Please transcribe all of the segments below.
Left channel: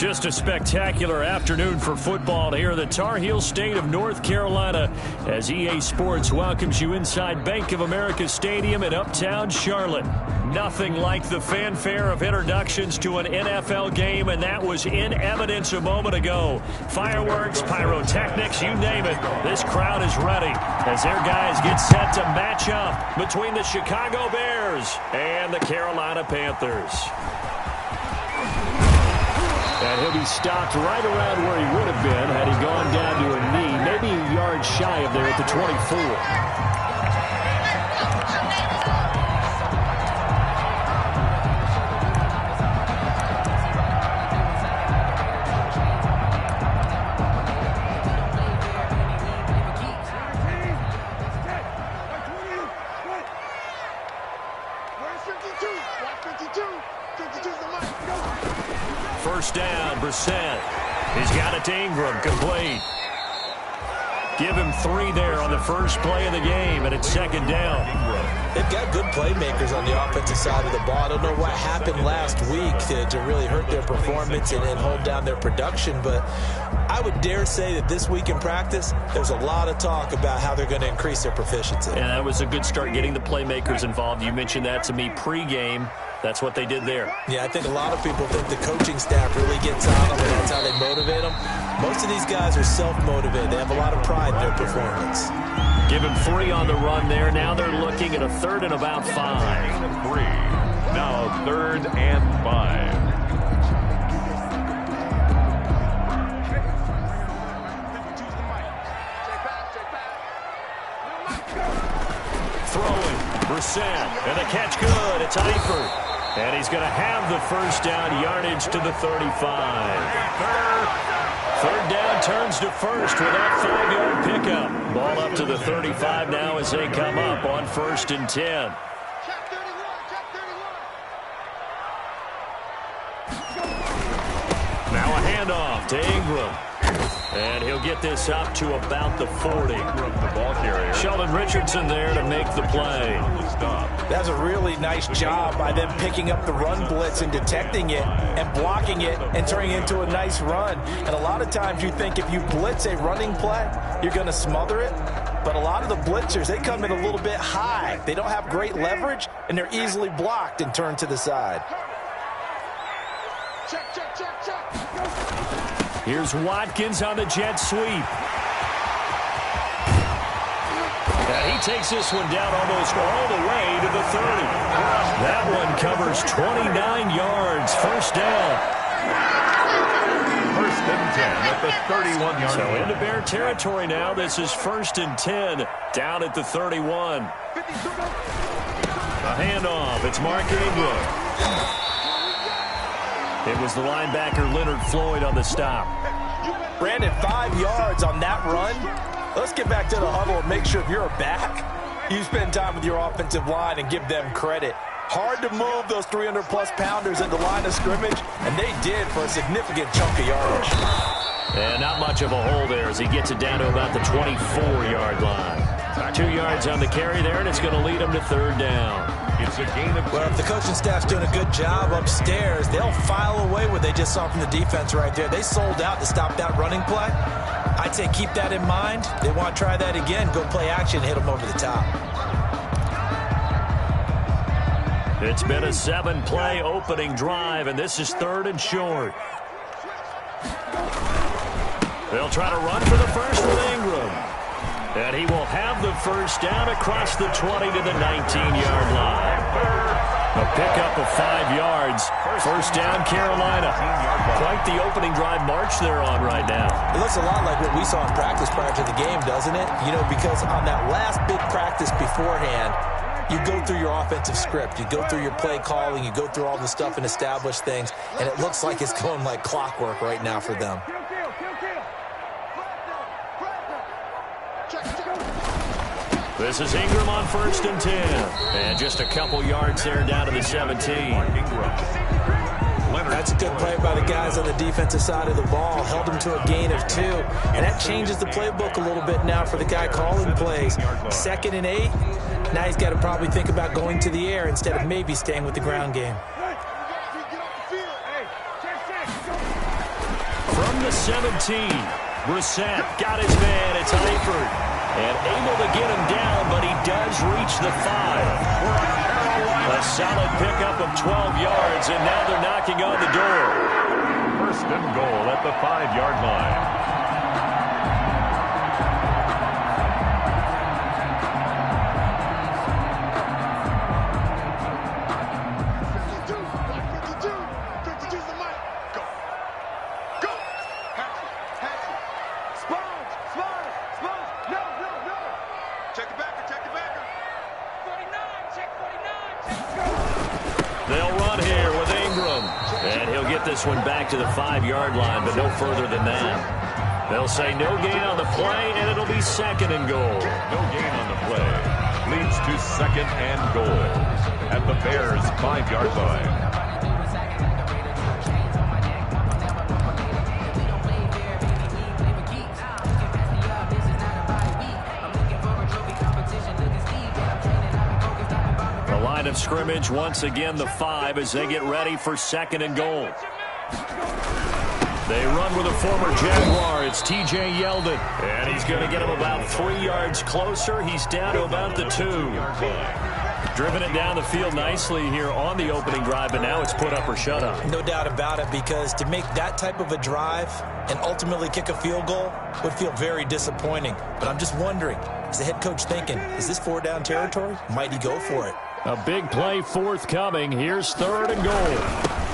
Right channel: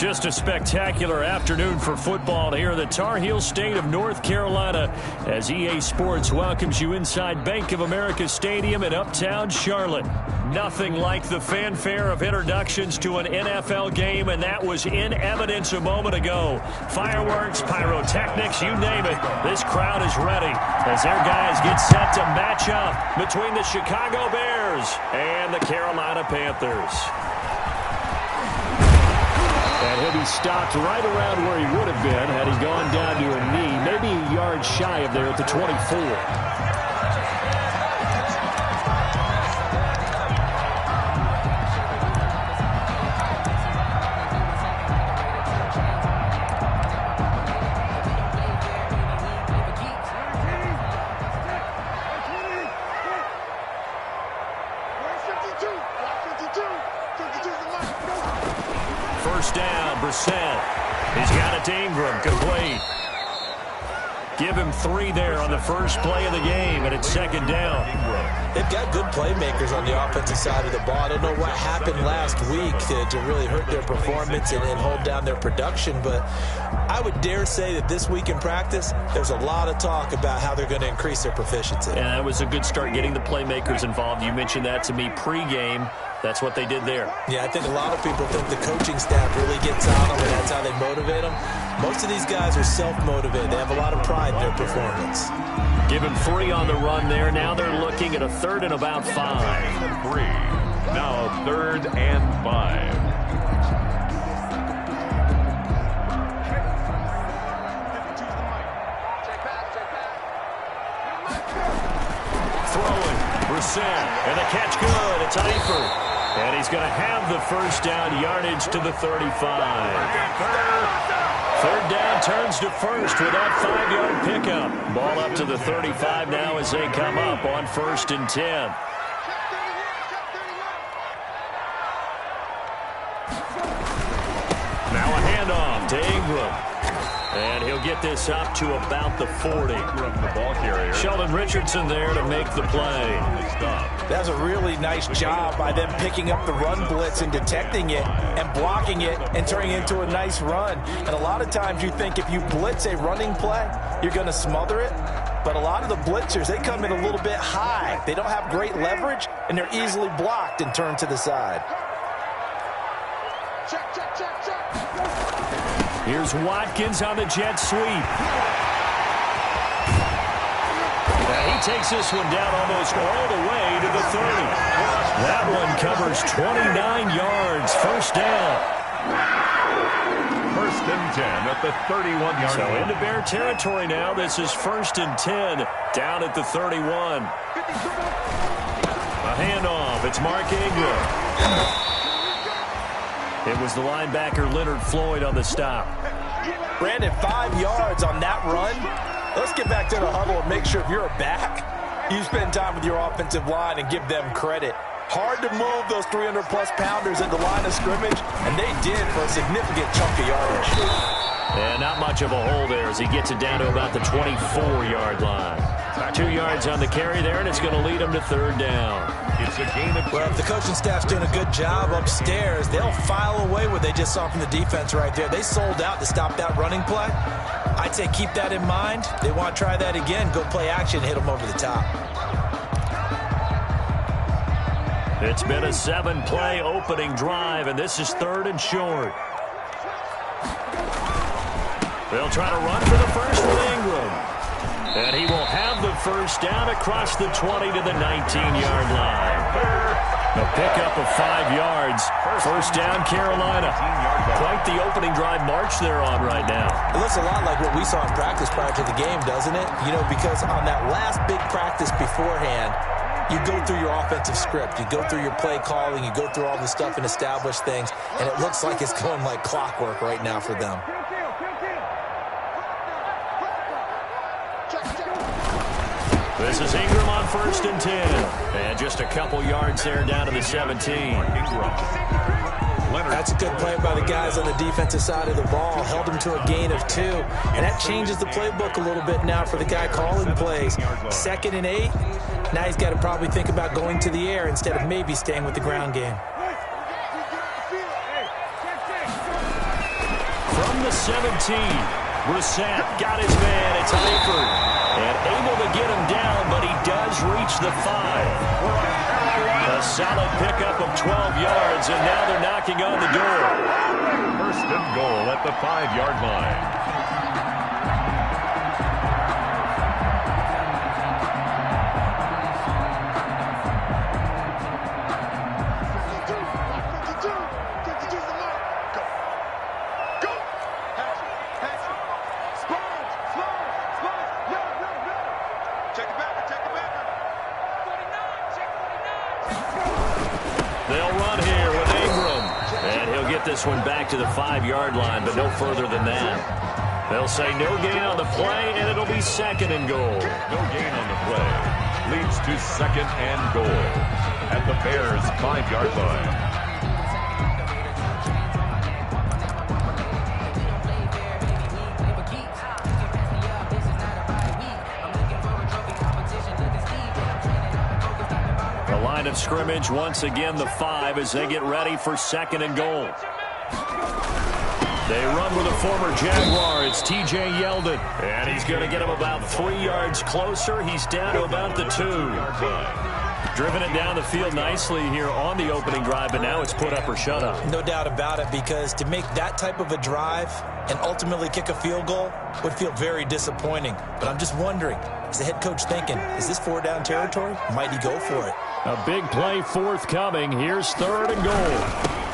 Just a spectacular afternoon for football here in the Tar Heel state of North Carolina as EA Sports welcomes you inside Bank of America Stadium in uptown Charlotte. Nothing like the fanfare of introductions to an NFL game, and that was in evidence a moment ago. Fireworks, pyrotechnics, you name it. This crowd is ready as their guys get set to match up between the Chicago Bears and the Carolina Panthers. And he'll be stopped right around where he would have been had he gone down to a knee, maybe a yard shy of there at the 24. First down, Brissett. He's got it to Ingram, complete. Give him 3 there on the first play of the game, and it's second down. They've got good playmakers on the offensive side of the ball. I don't know what happened last week to really hurt their performance and hold down their production, but I would dare say that this week in practice, there's a lot of talk about how they're going to increase their proficiency. And that was a good start getting the playmakers involved. You mentioned that to me pregame. That's what they did there. Yeah, I think a lot of people think the coaching staff really gets on them, and that's how they motivate them. Most of these guys are self-motivated. They have a lot of pride in their performance. Give him 3 on the run there. Now they're looking at a 3rd and about 5. Gain of 3. Now 3rd and 5. Throwing, Brissett, and the catch good. It's Eifert. And he's going to have the first down yardage to the 35. 3rd down turns to first with that 5-yard pickup. Ball up to the 35 now as they come up on 1st and 10. Now a handoff to Ingram. And he'll get this up to about the 40. From the ball carrier. Sheldon Richardson there to make the play. That's a really nice job by them picking up the run blitz and detecting it and blocking it and turning it into a nice run. And a lot of times you think if you blitz a running play, you're going to smother it. But a lot of the blitzers, they come in a little bit high. They don't have great leverage, and they're easily blocked and turned to the side. Check, check, check, check. Here's Watkins on the jet sweep. And he takes this one down almost all the way to the 30. That one covers 29 yards. First down. 1st and 10 at the 31-yard line. So into Bear territory now. This is 1st and 10 down at the 31. A handoff. It's Mark Ingram. It was the linebacker Leonard Floyd on the stop. Brandon, 5 yards on that run. Let's get back to the huddle and make sure if you're a back, you spend time with your offensive line and give them credit. Hard to move those 300-plus pounders at the line of scrimmage, and they did for a significant chunk of yardage. And not much of a hole there as he gets it down to about the 24-yard line. 2 yards on the carry there, and it's going to lead him to 3rd down. It's a gain of 2. Well, if the coaching staff's doing a good job upstairs, they'll file away what they just saw from the defense right there. They sold out to stop that running play. I'd say keep that in mind. They want to try that again. Go play action, hit them over the top. It's been a 7-play opening drive, and this is 3rd and short. They'll try to run for the first with Ingram. And he will have the first down across the 20 to the 19-yard line. A pickup of 5 yards. First down, Carolina. Quite the opening drive march they're on right now. It looks a lot like what we saw in practice prior to the game, doesn't it? You know, because on that last big practice beforehand, you go through your offensive script. You go through your play calling. You go through all the stuff and establish things. And it looks like it's going like clockwork right now for them. This is Ingram on 1st and 10. And just a couple yards there down to the 17. That's a good play by the guys on the defensive side of the ball. Held them to a gain of 2. And that changes the playbook a little bit now for the guy calling plays. 2nd and 8. Now he's got to probably think about going to the air instead of maybe staying with the ground game. From the 17, Brissett got his man. It's Eifert. And able to get him down, but he does reach the 5. A solid pickup of 12 yards, and now they're knocking on the door. First and goal at the 5-yard line. They'll run here with Ingram. And he'll get this one back to the 5-yard line, but no further than that. They'll say no gain on the play, and it'll be second and goal. No gain on the play. Leads to second and goal at the Bears' 5-yard line. Line of scrimmage once again the 5 as they get ready for second and goal. They run with a former Jaguar. It's TJ Yeldon, and he's going to get him about 3 yards closer. He's down to about the 2. Driven it down the field nicely here on the opening drive, but now it's put up or shut up. No doubt about it, because to make that type of a drive and ultimately kick a field goal would feel very disappointing. But I'm just wondering, is the head coach thinking, is this 4-down territory? Might he go for it? A big play forthcoming. Here's third and goal.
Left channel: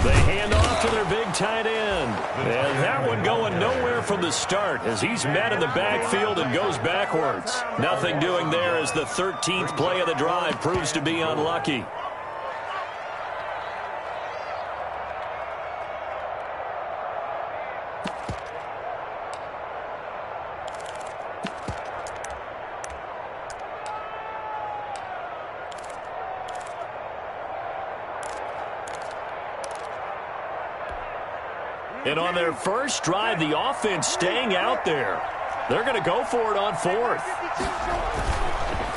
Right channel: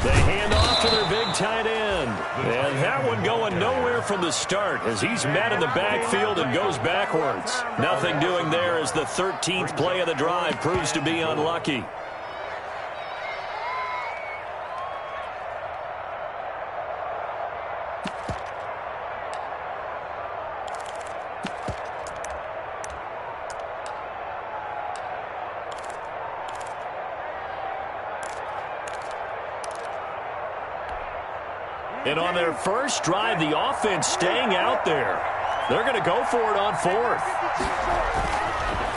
They hand off to their big tight end. And that one going nowhere from the start as he's met in the backfield and goes backwards. Nothing doing there as the 13th play of the drive proves to be unlucky. And on their first drive, the offense staying out there. They're going to go for it on 4th.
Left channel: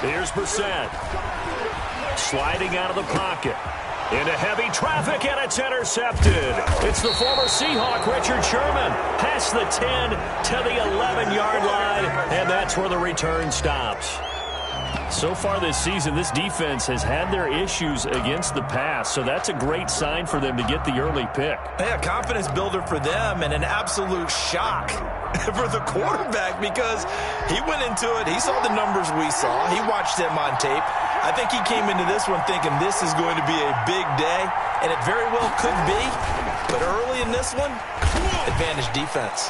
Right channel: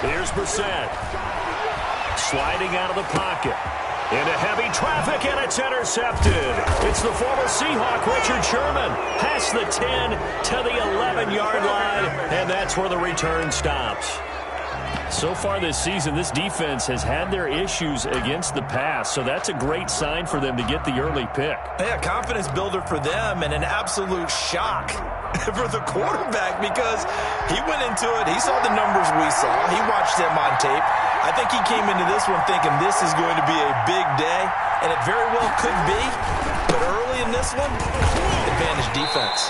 Here's Brissett. Sliding out of the pocket. Into heavy traffic, and it's intercepted. It's the former Seahawk, Richard Sherman. Past the 10 to the 11-yard line, and that's where the return stops. So far this season, this defense has had their issues against the pass, so that's a great sign for them to get the early pick. Yeah, confidence builder for them and an absolute shock for the quarterback because he went into it. He saw the numbers we saw. He watched them on tape. I think he came into this one thinking this is going to be a big day, and it very well could be. But early in this one, advantage defense.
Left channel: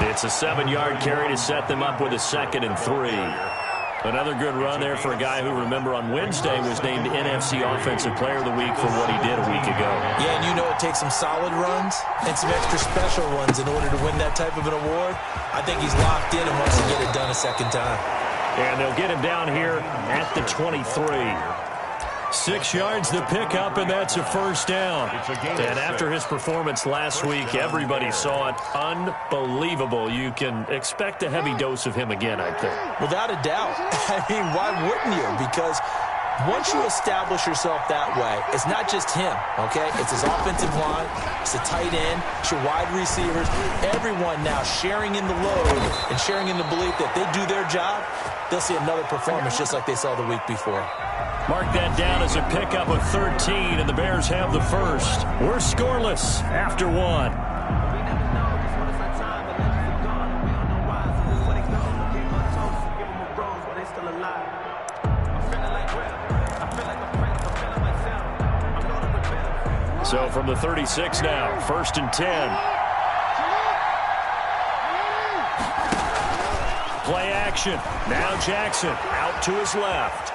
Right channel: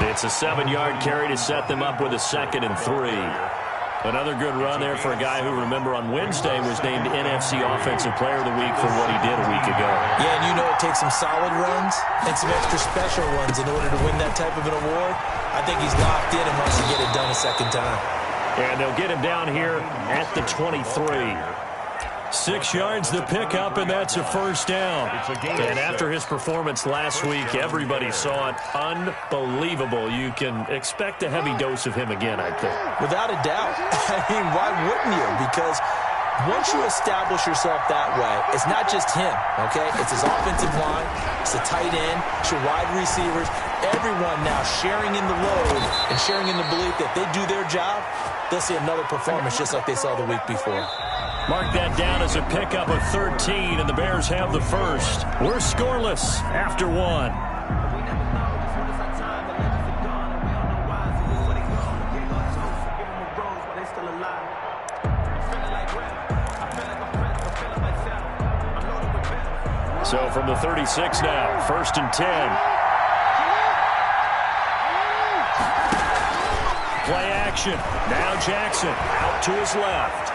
It's a 7-yard carry to set them up with a 2nd and 3. Another good run there for a guy who, remember, on Wednesday was named NFC Offensive Player of the Week for what he did a week ago. Yeah, and you know it takes some solid runs and some extra special ones in order to win that type of an award. I think he's locked in and wants to get it done a second time. And they'll get him down here at the 23. 6 yards the pickup, and that's a first down. And after his performance last week, everybody saw it. Unbelievable. You can expect a heavy dose of him again, I think. Without a doubt. I mean, why wouldn't you? Because once you establish yourself that way, it's not just him, okay? It's his offensive line, it's the tight end, it's your wide receivers, everyone now sharing in the load and sharing in the belief that they do their job, they'll see another performance just like they saw the week before. Mark that down as a pickup of 13, and the Bears have the first. We're scoreless after 1. So from the 36 now, 1st and 10. Play action. Now Jackson out to his left.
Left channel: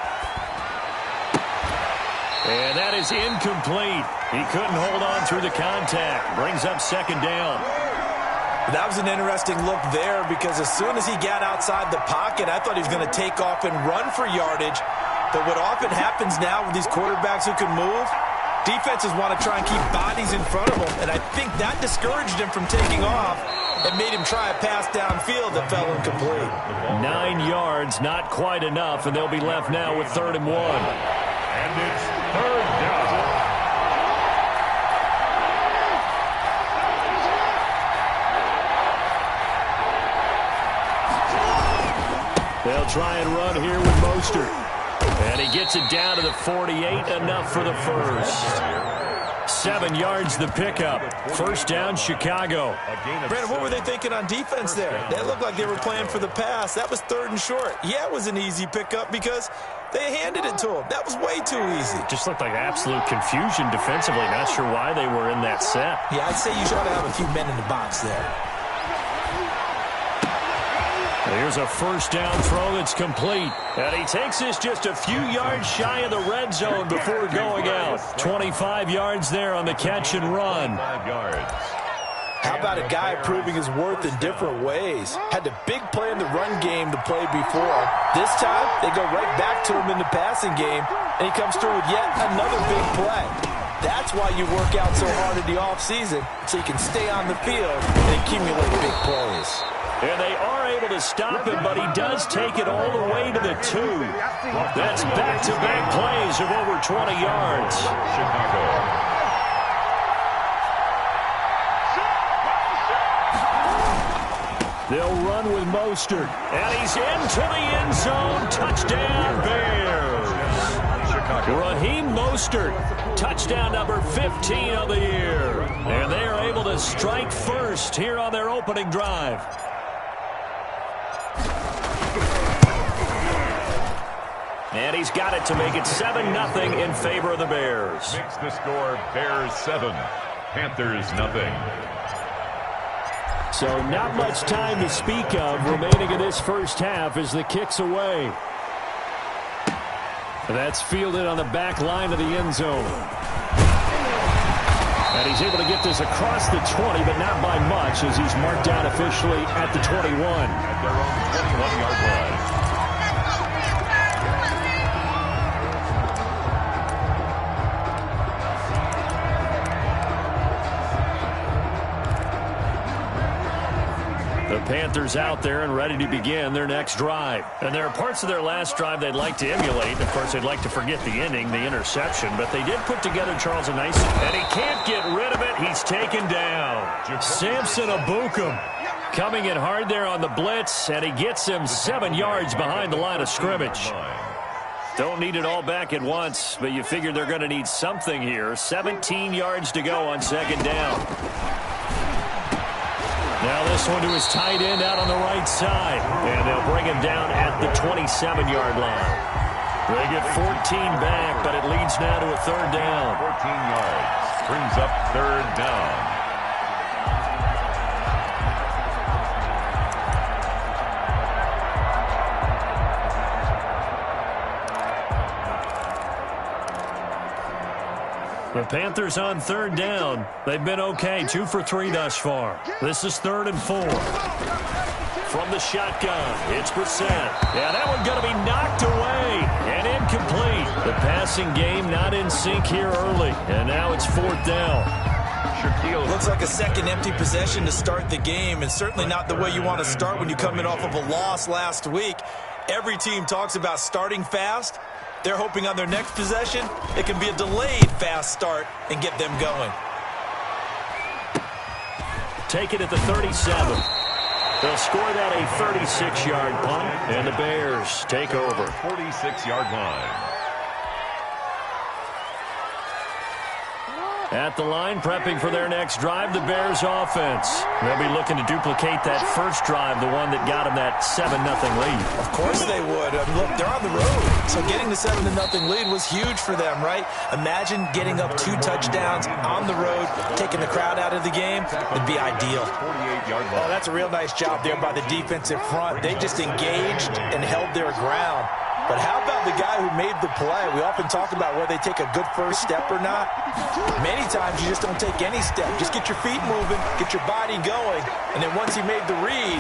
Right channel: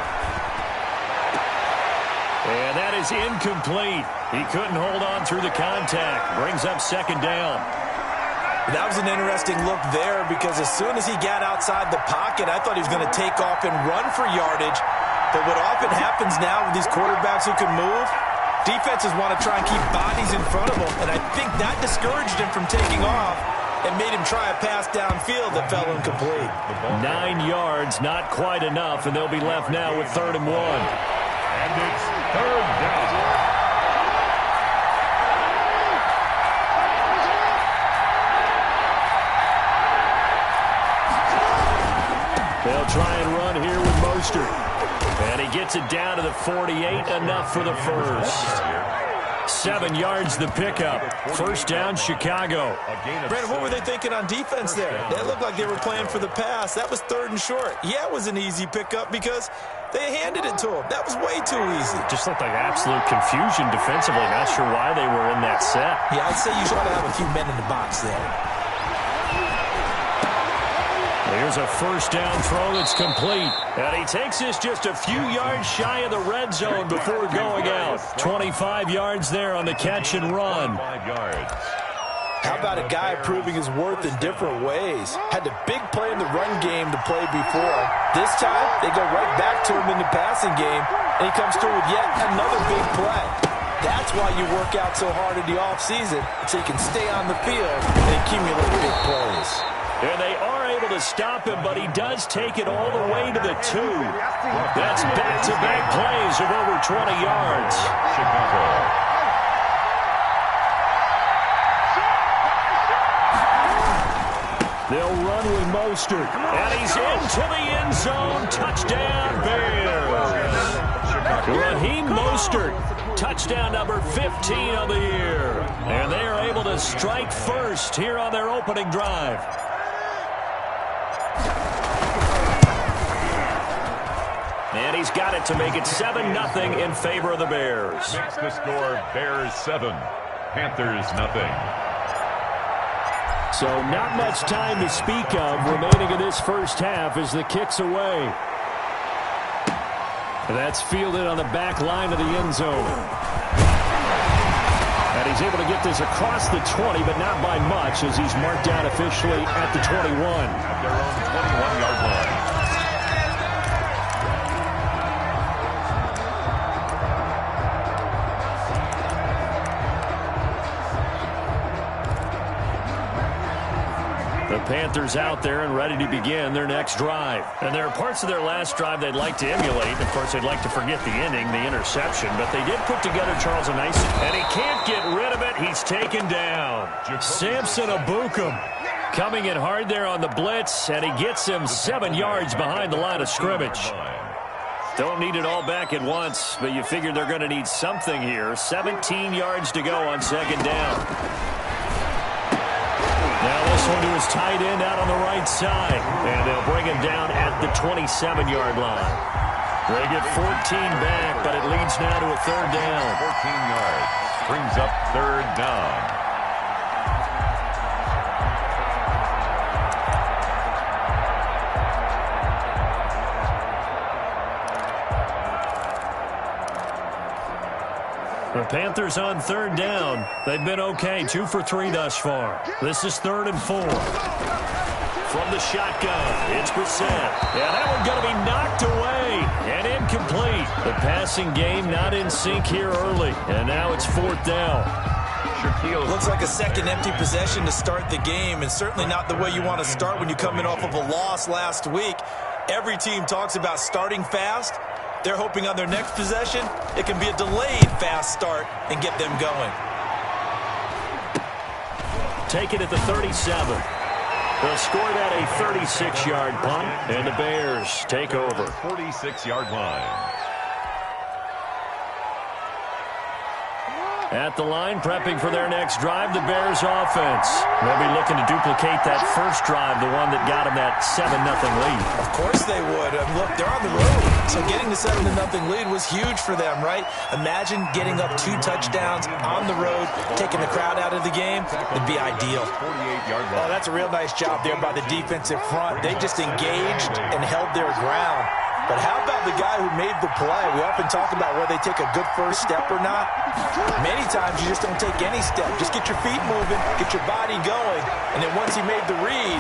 And that is incomplete. He couldn't hold on through the contact. Brings up 2nd down. That was an interesting look there because as soon as he got outside the pocket, I thought he was going to take off and run for yardage. But what often happens now with these quarterbacks who can move, defenses want to try and keep bodies in front of them. And I think that discouraged him from taking off and made him try a pass downfield that fell incomplete. 9 yards, not quite enough, and they'll be left now with 3rd and 1. And it's 3rd down. They'll try and run here with Mostert. And he gets it down to the 48, enough for the first. 7 yards the pickup. First down, Chicago. Brandon, what were they thinking on defense there? They looked like they were playing for the pass. That was 3rd and short. Yeah, it was an easy pickup because they handed it to him. That was way too easy. Just looked like absolute confusion defensively. Not sure why they were in that set. Yeah, I'd say you try to have a few men in the box there. Here's a first down throw that's complete. And he takes this just a few yards shy of the red zone before going out. 25 yards there on the catch and run. 5 yards. How about a guy proving his worth in different ways? Had the big play in the run game to play before. This time, they go right back to him in the passing game, and he comes through with yet another big play. That's why you work out so hard in the offseason, so you can stay on the field and accumulate big plays. And they are able to stop him, but he does take it all the way to the 2. That's back-to-back plays of over 20 yards. Chicago. They'll run with Mostert. And he's into the end zone. Touchdown, Bears. Raheem Mostert, touchdown number 15 of the year. And they are able to strike first here on their opening drive. And he's got it to make it 7-0 in favor of the Bears. Makes the score Bears 7, Panthers nothing. So not much time to speak of remaining in this first half as the kick's away. That's fielded on the back line of the end zone. And he's able to get this across the 20, but not by much as he's marked down officially at the 21. At their own 21-yard line. The Panthers out there and ready to begin their next drive. And there are parts of their last drive they'd like to emulate. Of course, they'd like to forget the ending, the interception. But they did put together Charles a nice, and he can't get rid of it. He's taken down. Samson Abukum coming in hard there on the blitz, and he gets him 7 yards behind the line of scrimmage. Don't need it all back at once, but you figure they're going to need something here. 17 yards to go on second down. Now this one to his tight end out on the right side. And they'll bring him down at the 27-yard line. They get 14 back, but it leads now to a third down. 14 yards. Brings up third down. The Panthers on third down. They've been okay, 2 for 3 thus far. This is 3rd and 4. From the shotgun, it's Brissett. Yeah, that one going to be knocked away and incomplete. The passing game not in sync here early, and now it's 4th down. Looks like a second empty possession to start the game, and certainly not the way you want to start when you're coming off of a loss last week. Every team talks about starting fast. They're hoping on their next possession, it can be a delayed fast start and get them going. Take it at the 37. They'll score that a 36-yard punt, and the Bears take over. 46-yard line. At the line, prepping for their next drive, the Bears offense. They'll be looking to duplicate that first drive, the one that got them that 7-0 lead. Of course they would. Look, they're on the road. So getting the 7-0 lead was huge for them, right? Imagine getting up 2 touchdowns on the road, taking the crowd out of the game. It'd be ideal. 48-yard line. Oh, that's a real nice job there by the defensive front. They just engaged and held their ground. But how about the guy who made the play? We often talk about whether they take a good first step or not. Many times you just don't take any step. Just get your feet moving, get your body going, and then once he made the read.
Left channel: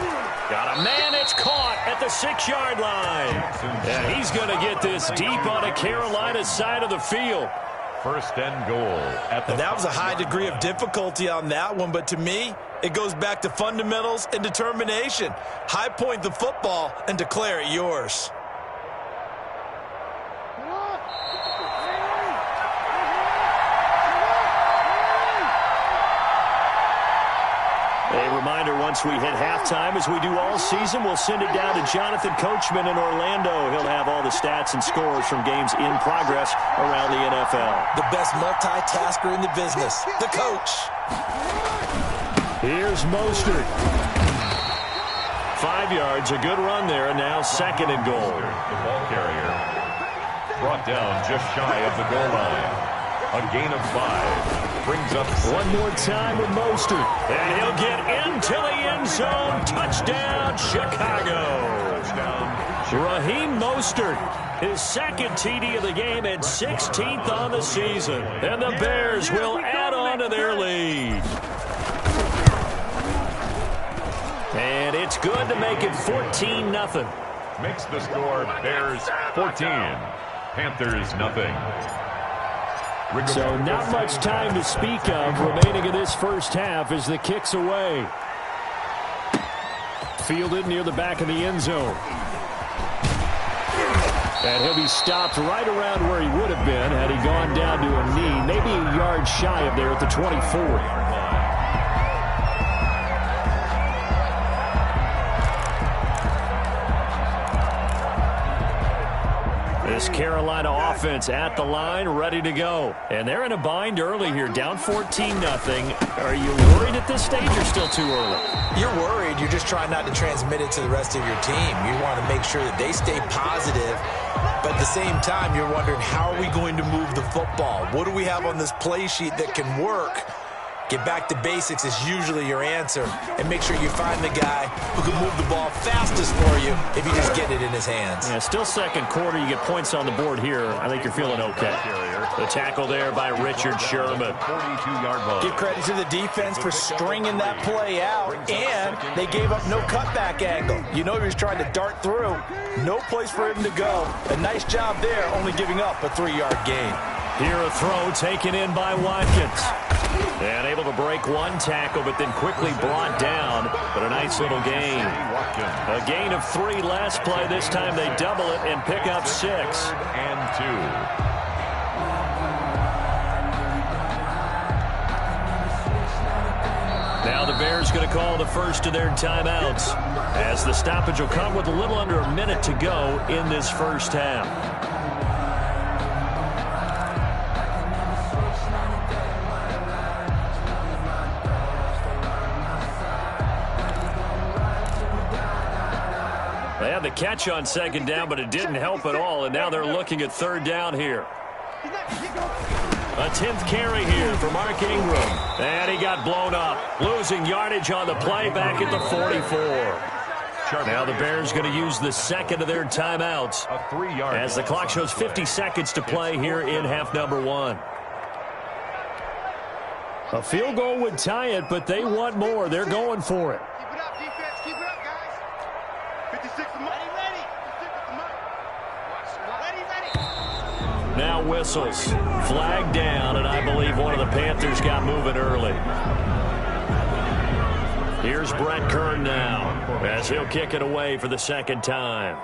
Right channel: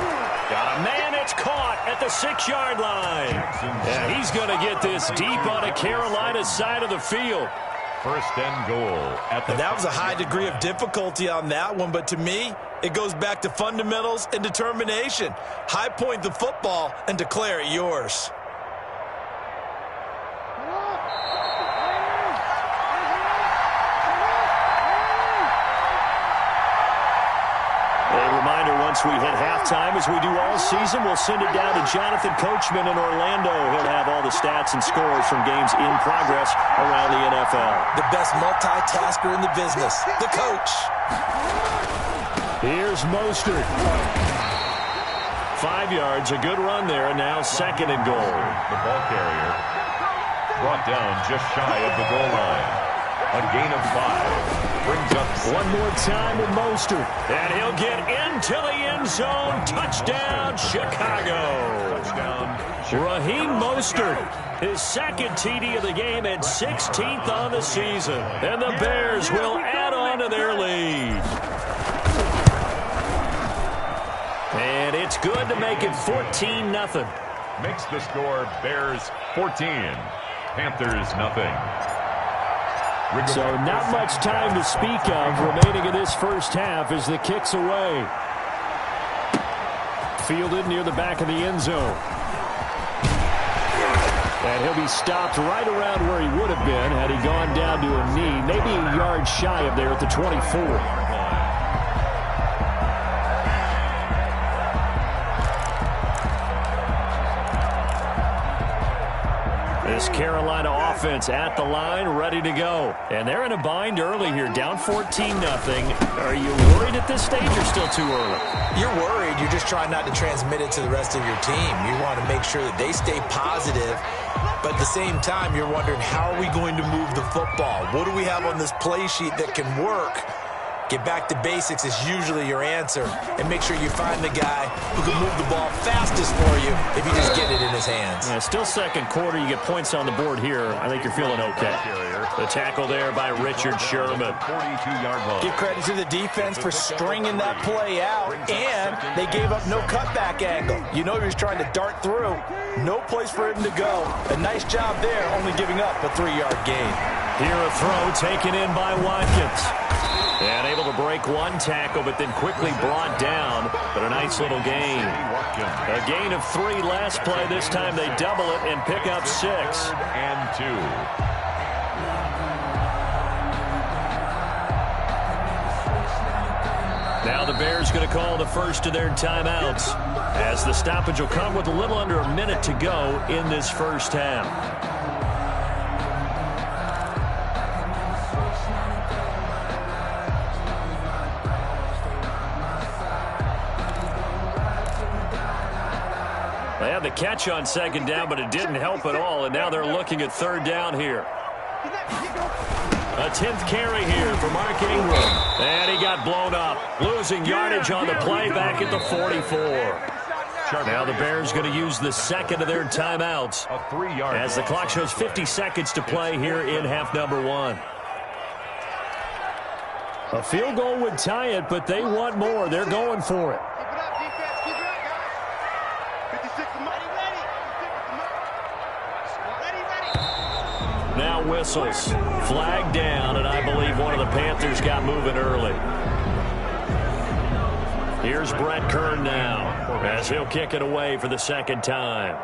Got a man that's caught at the 6-yard line. Yeah, he's going to get this deep on a Carolina side of the field. First and goal. That was a high degree of difficulty on that one, but to me, it goes back to fundamentals and determination. High point the football and declare it yours. A reminder reminder, once we hit halftime, as we do all season, we'll send it down to Jonathan Coachman in Orlando. He'll have all the stats and scores from games in progress around the NFL. The best multitasker in the business, the coach. Here's Mostert. 5 yards, a good run there, and now 2nd and goal. The ball carrier brought down just shy of the goal line. A gain of 5. Brings up 6. One more time with Mostert. And he'll get into the end zone. Touchdown, Chicago. Touchdown. Raheem Mostert, his 2nd TD of the game and 16th on the season. And the Bears will add on to their lead. And it's good to make it 14-0. Makes the score Bears 14. Panthers nothing. So not much time to speak of remaining in this first half as the kick's away. Fielded near the back of the end zone. And he'll be stopped right around where he would have been had he gone down to a knee, maybe a yard shy of there at the 24. This Carolina offense at the line, ready to go. And they're in a bind early here, down 14-0. Are you worried at this stage or still too early? You're worried. You're just trying not to transmit it to the rest of your team. You want to make sure that they stay positive. But at the same time, you're wondering, how are we going to move the football? What do we have on this play sheet that can work? Get back to basics is usually your answer. And make sure you find the guy who can move the ball fastest for you if you just get it in his hands. Yeah, still 2nd quarter. You get points on the board here. I think you're feeling okay. The tackle there by Richard Sherman. 42-yard line. Give credit to the defense for stringing that play out, and they gave up no cutback angle. You know he was trying to dart through. No place for him to go. A nice job there, only giving up a 3-yard gain. Here a throw taken in by Watkins. And able to break one tackle, but then quickly brought down. But a nice little gain. A gain of 3 last play. This time they double it and pick up 6. 3rd and 2. Now the Bears going to call the first of their timeouts, as the stoppage will come with a little under a minute to go in this first half. They had the catch on 2nd down, but it didn't help at all, and now they're looking at 3rd down here. A 10th carry here for Mark Ingram. And he got blown up, losing yardage on the play back at the 44. Now the Bears going to use the 2nd of their timeouts as the clock shows 50 seconds to play here in half number 1. A field goal would tie it, but they want more. They're going for it. Keep it up, defense. Keep it up, guys. 56 to Ready. Now whistles. Flag down, and I believe one of the Panthers got moving early. Here's Brett Kern now, as he'll kick it away for the 2nd time.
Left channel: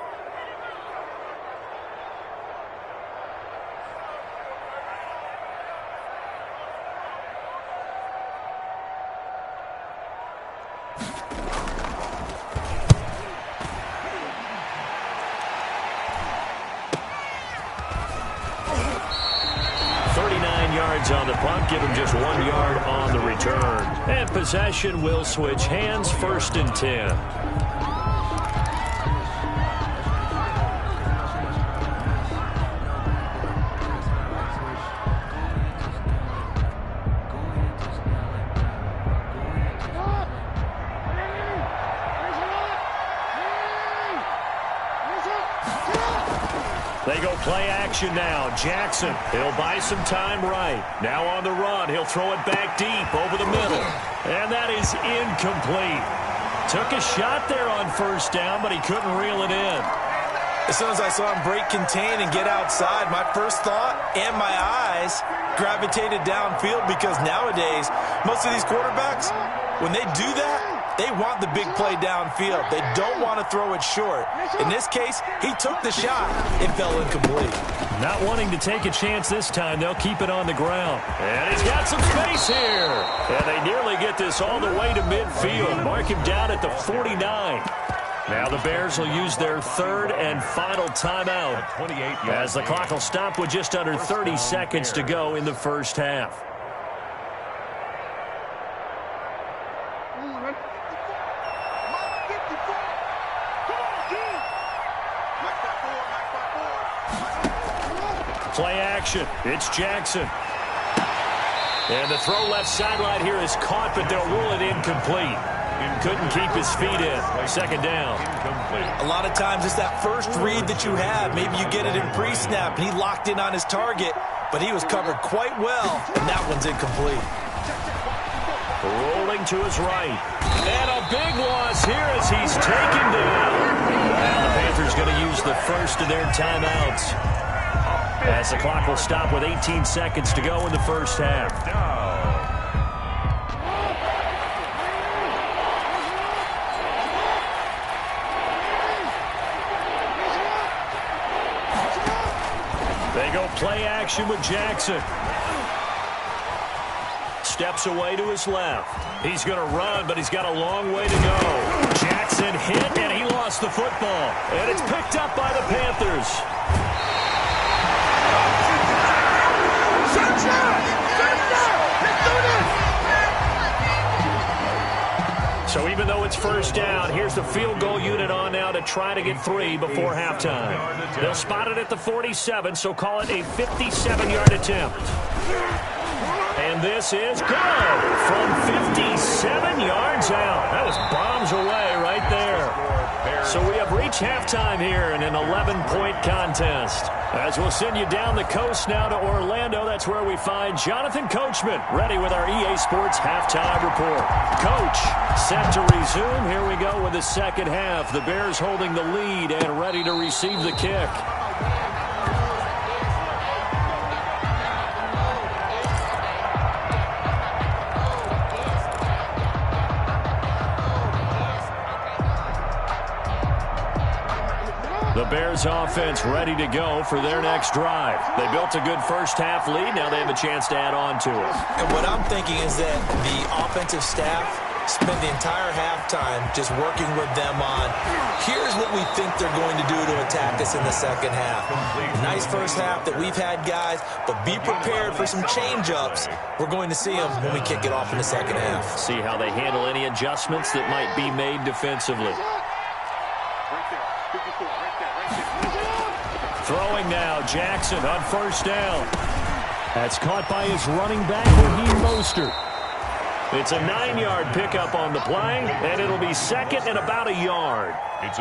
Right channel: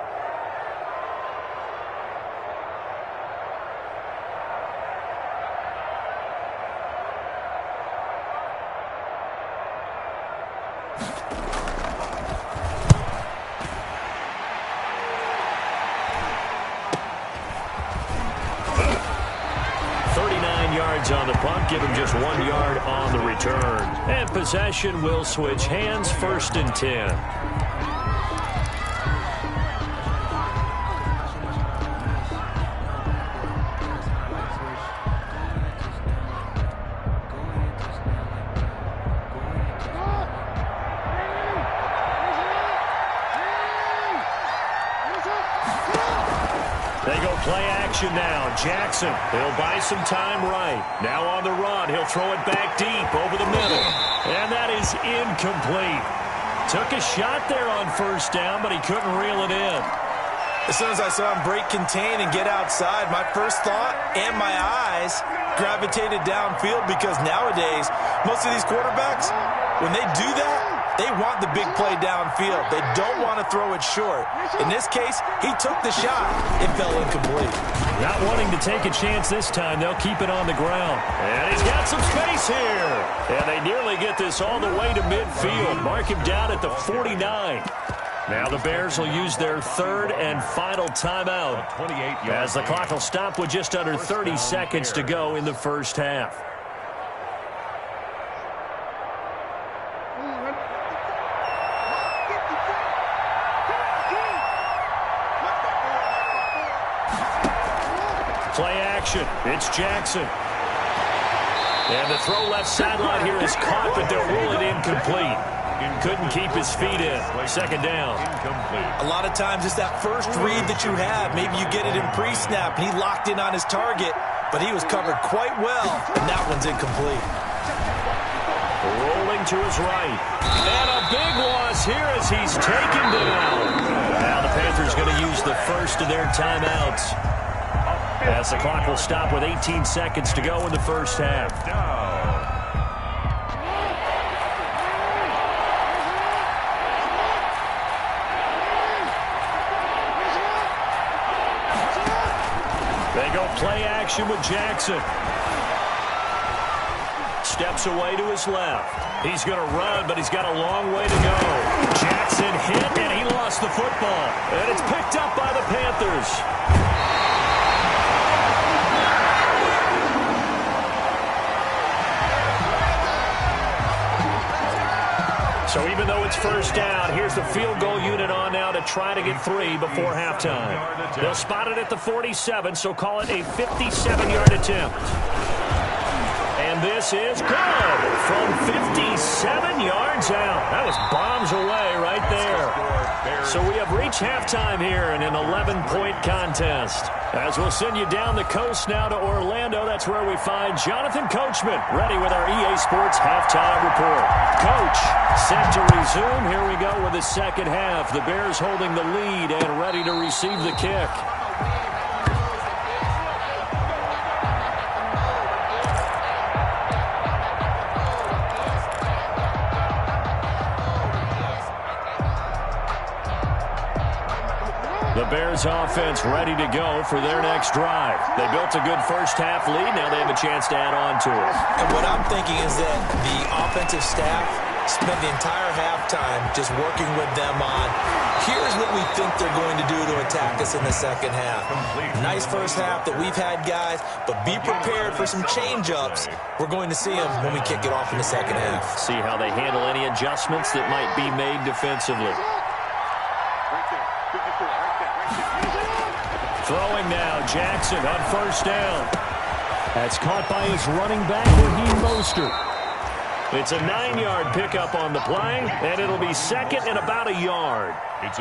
On the punt, give him just 1 yard on the return. And possession will switch hands, 1st and 10. They go play action now. Jackson, he'll buy some time right. Now on the run, he'll throw it back deep over the middle. And that is incomplete. Took a shot there on 1st down, but he couldn't reel it in. As soon as I saw him break contain and get outside, my first thought and my eyes gravitated downfield, because nowadays, most of these quarterbacks, when they do that, they want the big play downfield. They don't want to throw it short. In this case, he took the shot. It fell incomplete. Not wanting to take a chance this time, they'll keep it on the ground. And he's got some space here. And they nearly get this all the way to midfield. Mark him down at the 49. Now the Bears will use their third and final timeout as the clock will stop with just under 30 seconds to go in the first half. Play action. It's Jackson. And the throw left sideline here is caught, but they'll rule it incomplete. Couldn't keep his feet in. Second down. A lot of times it's that first read that you have. Maybe you get it in pre-snap, and he locked in on his target, but he was covered quite well, and that one's incomplete. Rolling to his right. And a big loss here as he's taken down. Now the Panthers going to use the first of their timeouts as the clock will stop with 18 seconds to go in the first half. They go play action with Jackson. Steps away to his left. He's going to run, but he's got a long way to go. Jackson hit, and he lost the football. And it's picked up by the Panthers. So even though it's first down, here's the field goal unit on now to try to get 3 before halftime. They'll spot it at the 47, so call it a 57-yard attempt. And this is good from 57 yards out. That was bombs away right there. So we have reached halftime here in an 11-point contest. As we'll send you down the coast now to Orlando, that's where we find Jonathan Coachman, ready with our EA Sports halftime report. Coach, set to resume. Here we go with the second half. The Bears holding the lead and ready to receive the kick. The Bears offense ready to go for their next drive. They built a good first-half lead. Now they have a chance to add on to it. And what I'm thinking is that the offensive staff spent the entire halftime just working with them on, here's what we think they're going to do to attack us in the second half. Nice first half that we've had, guys, but be prepared for some change-ups. We're going to see them when we kick it off in the second half. See how they handle any adjustments that might be made defensively. Throwing now, Jackson on first down. That's caught by his running back, Raheem Mostert. It's a 9-yard pickup on the play, and it'll be second and about a yard.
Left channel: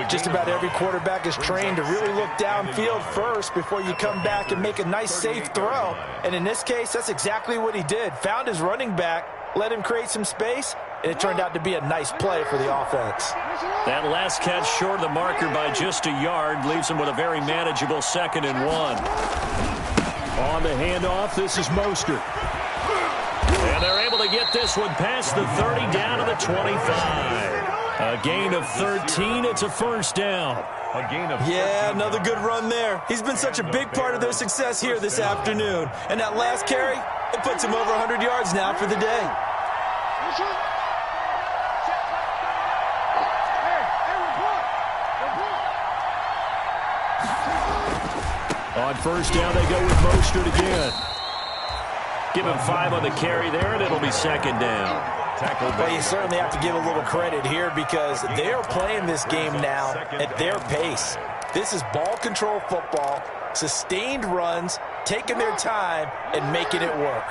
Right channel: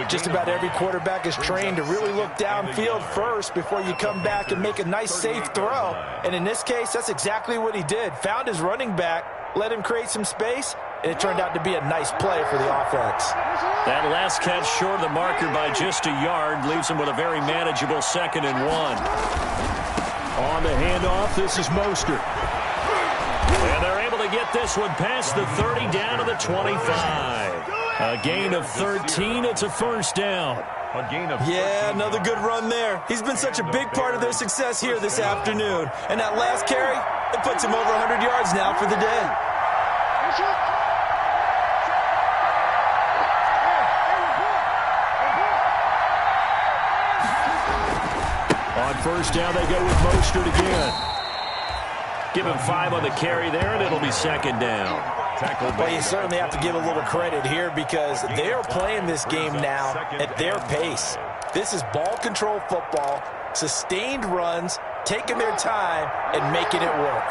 Just about every quarterback is trained to really look downfield first before you come back and make a nice, safe throw. And in this case, that's exactly what he did. Found his running back, let him create some space, and it turned out to be a nice play for the offense. That last catch short of the marker by just a yard leaves him with a very manageable 2nd and 1. On the handoff, this is Mostert. And they're able to get this one past the 30 down to the 25. A gain of 13. It's a first down. Yeah, another good run there. He's been such a big part of their success here this afternoon. And that last carry, it puts him over 100 yards now for the day. On first down, they go with Mostert again. Give him 5 on the carry there, and it'll be second down. Well, you certainly have to give a little credit here because they are playing this game now at their pace. This is ball control football, sustained runs, taking their time, and making it work.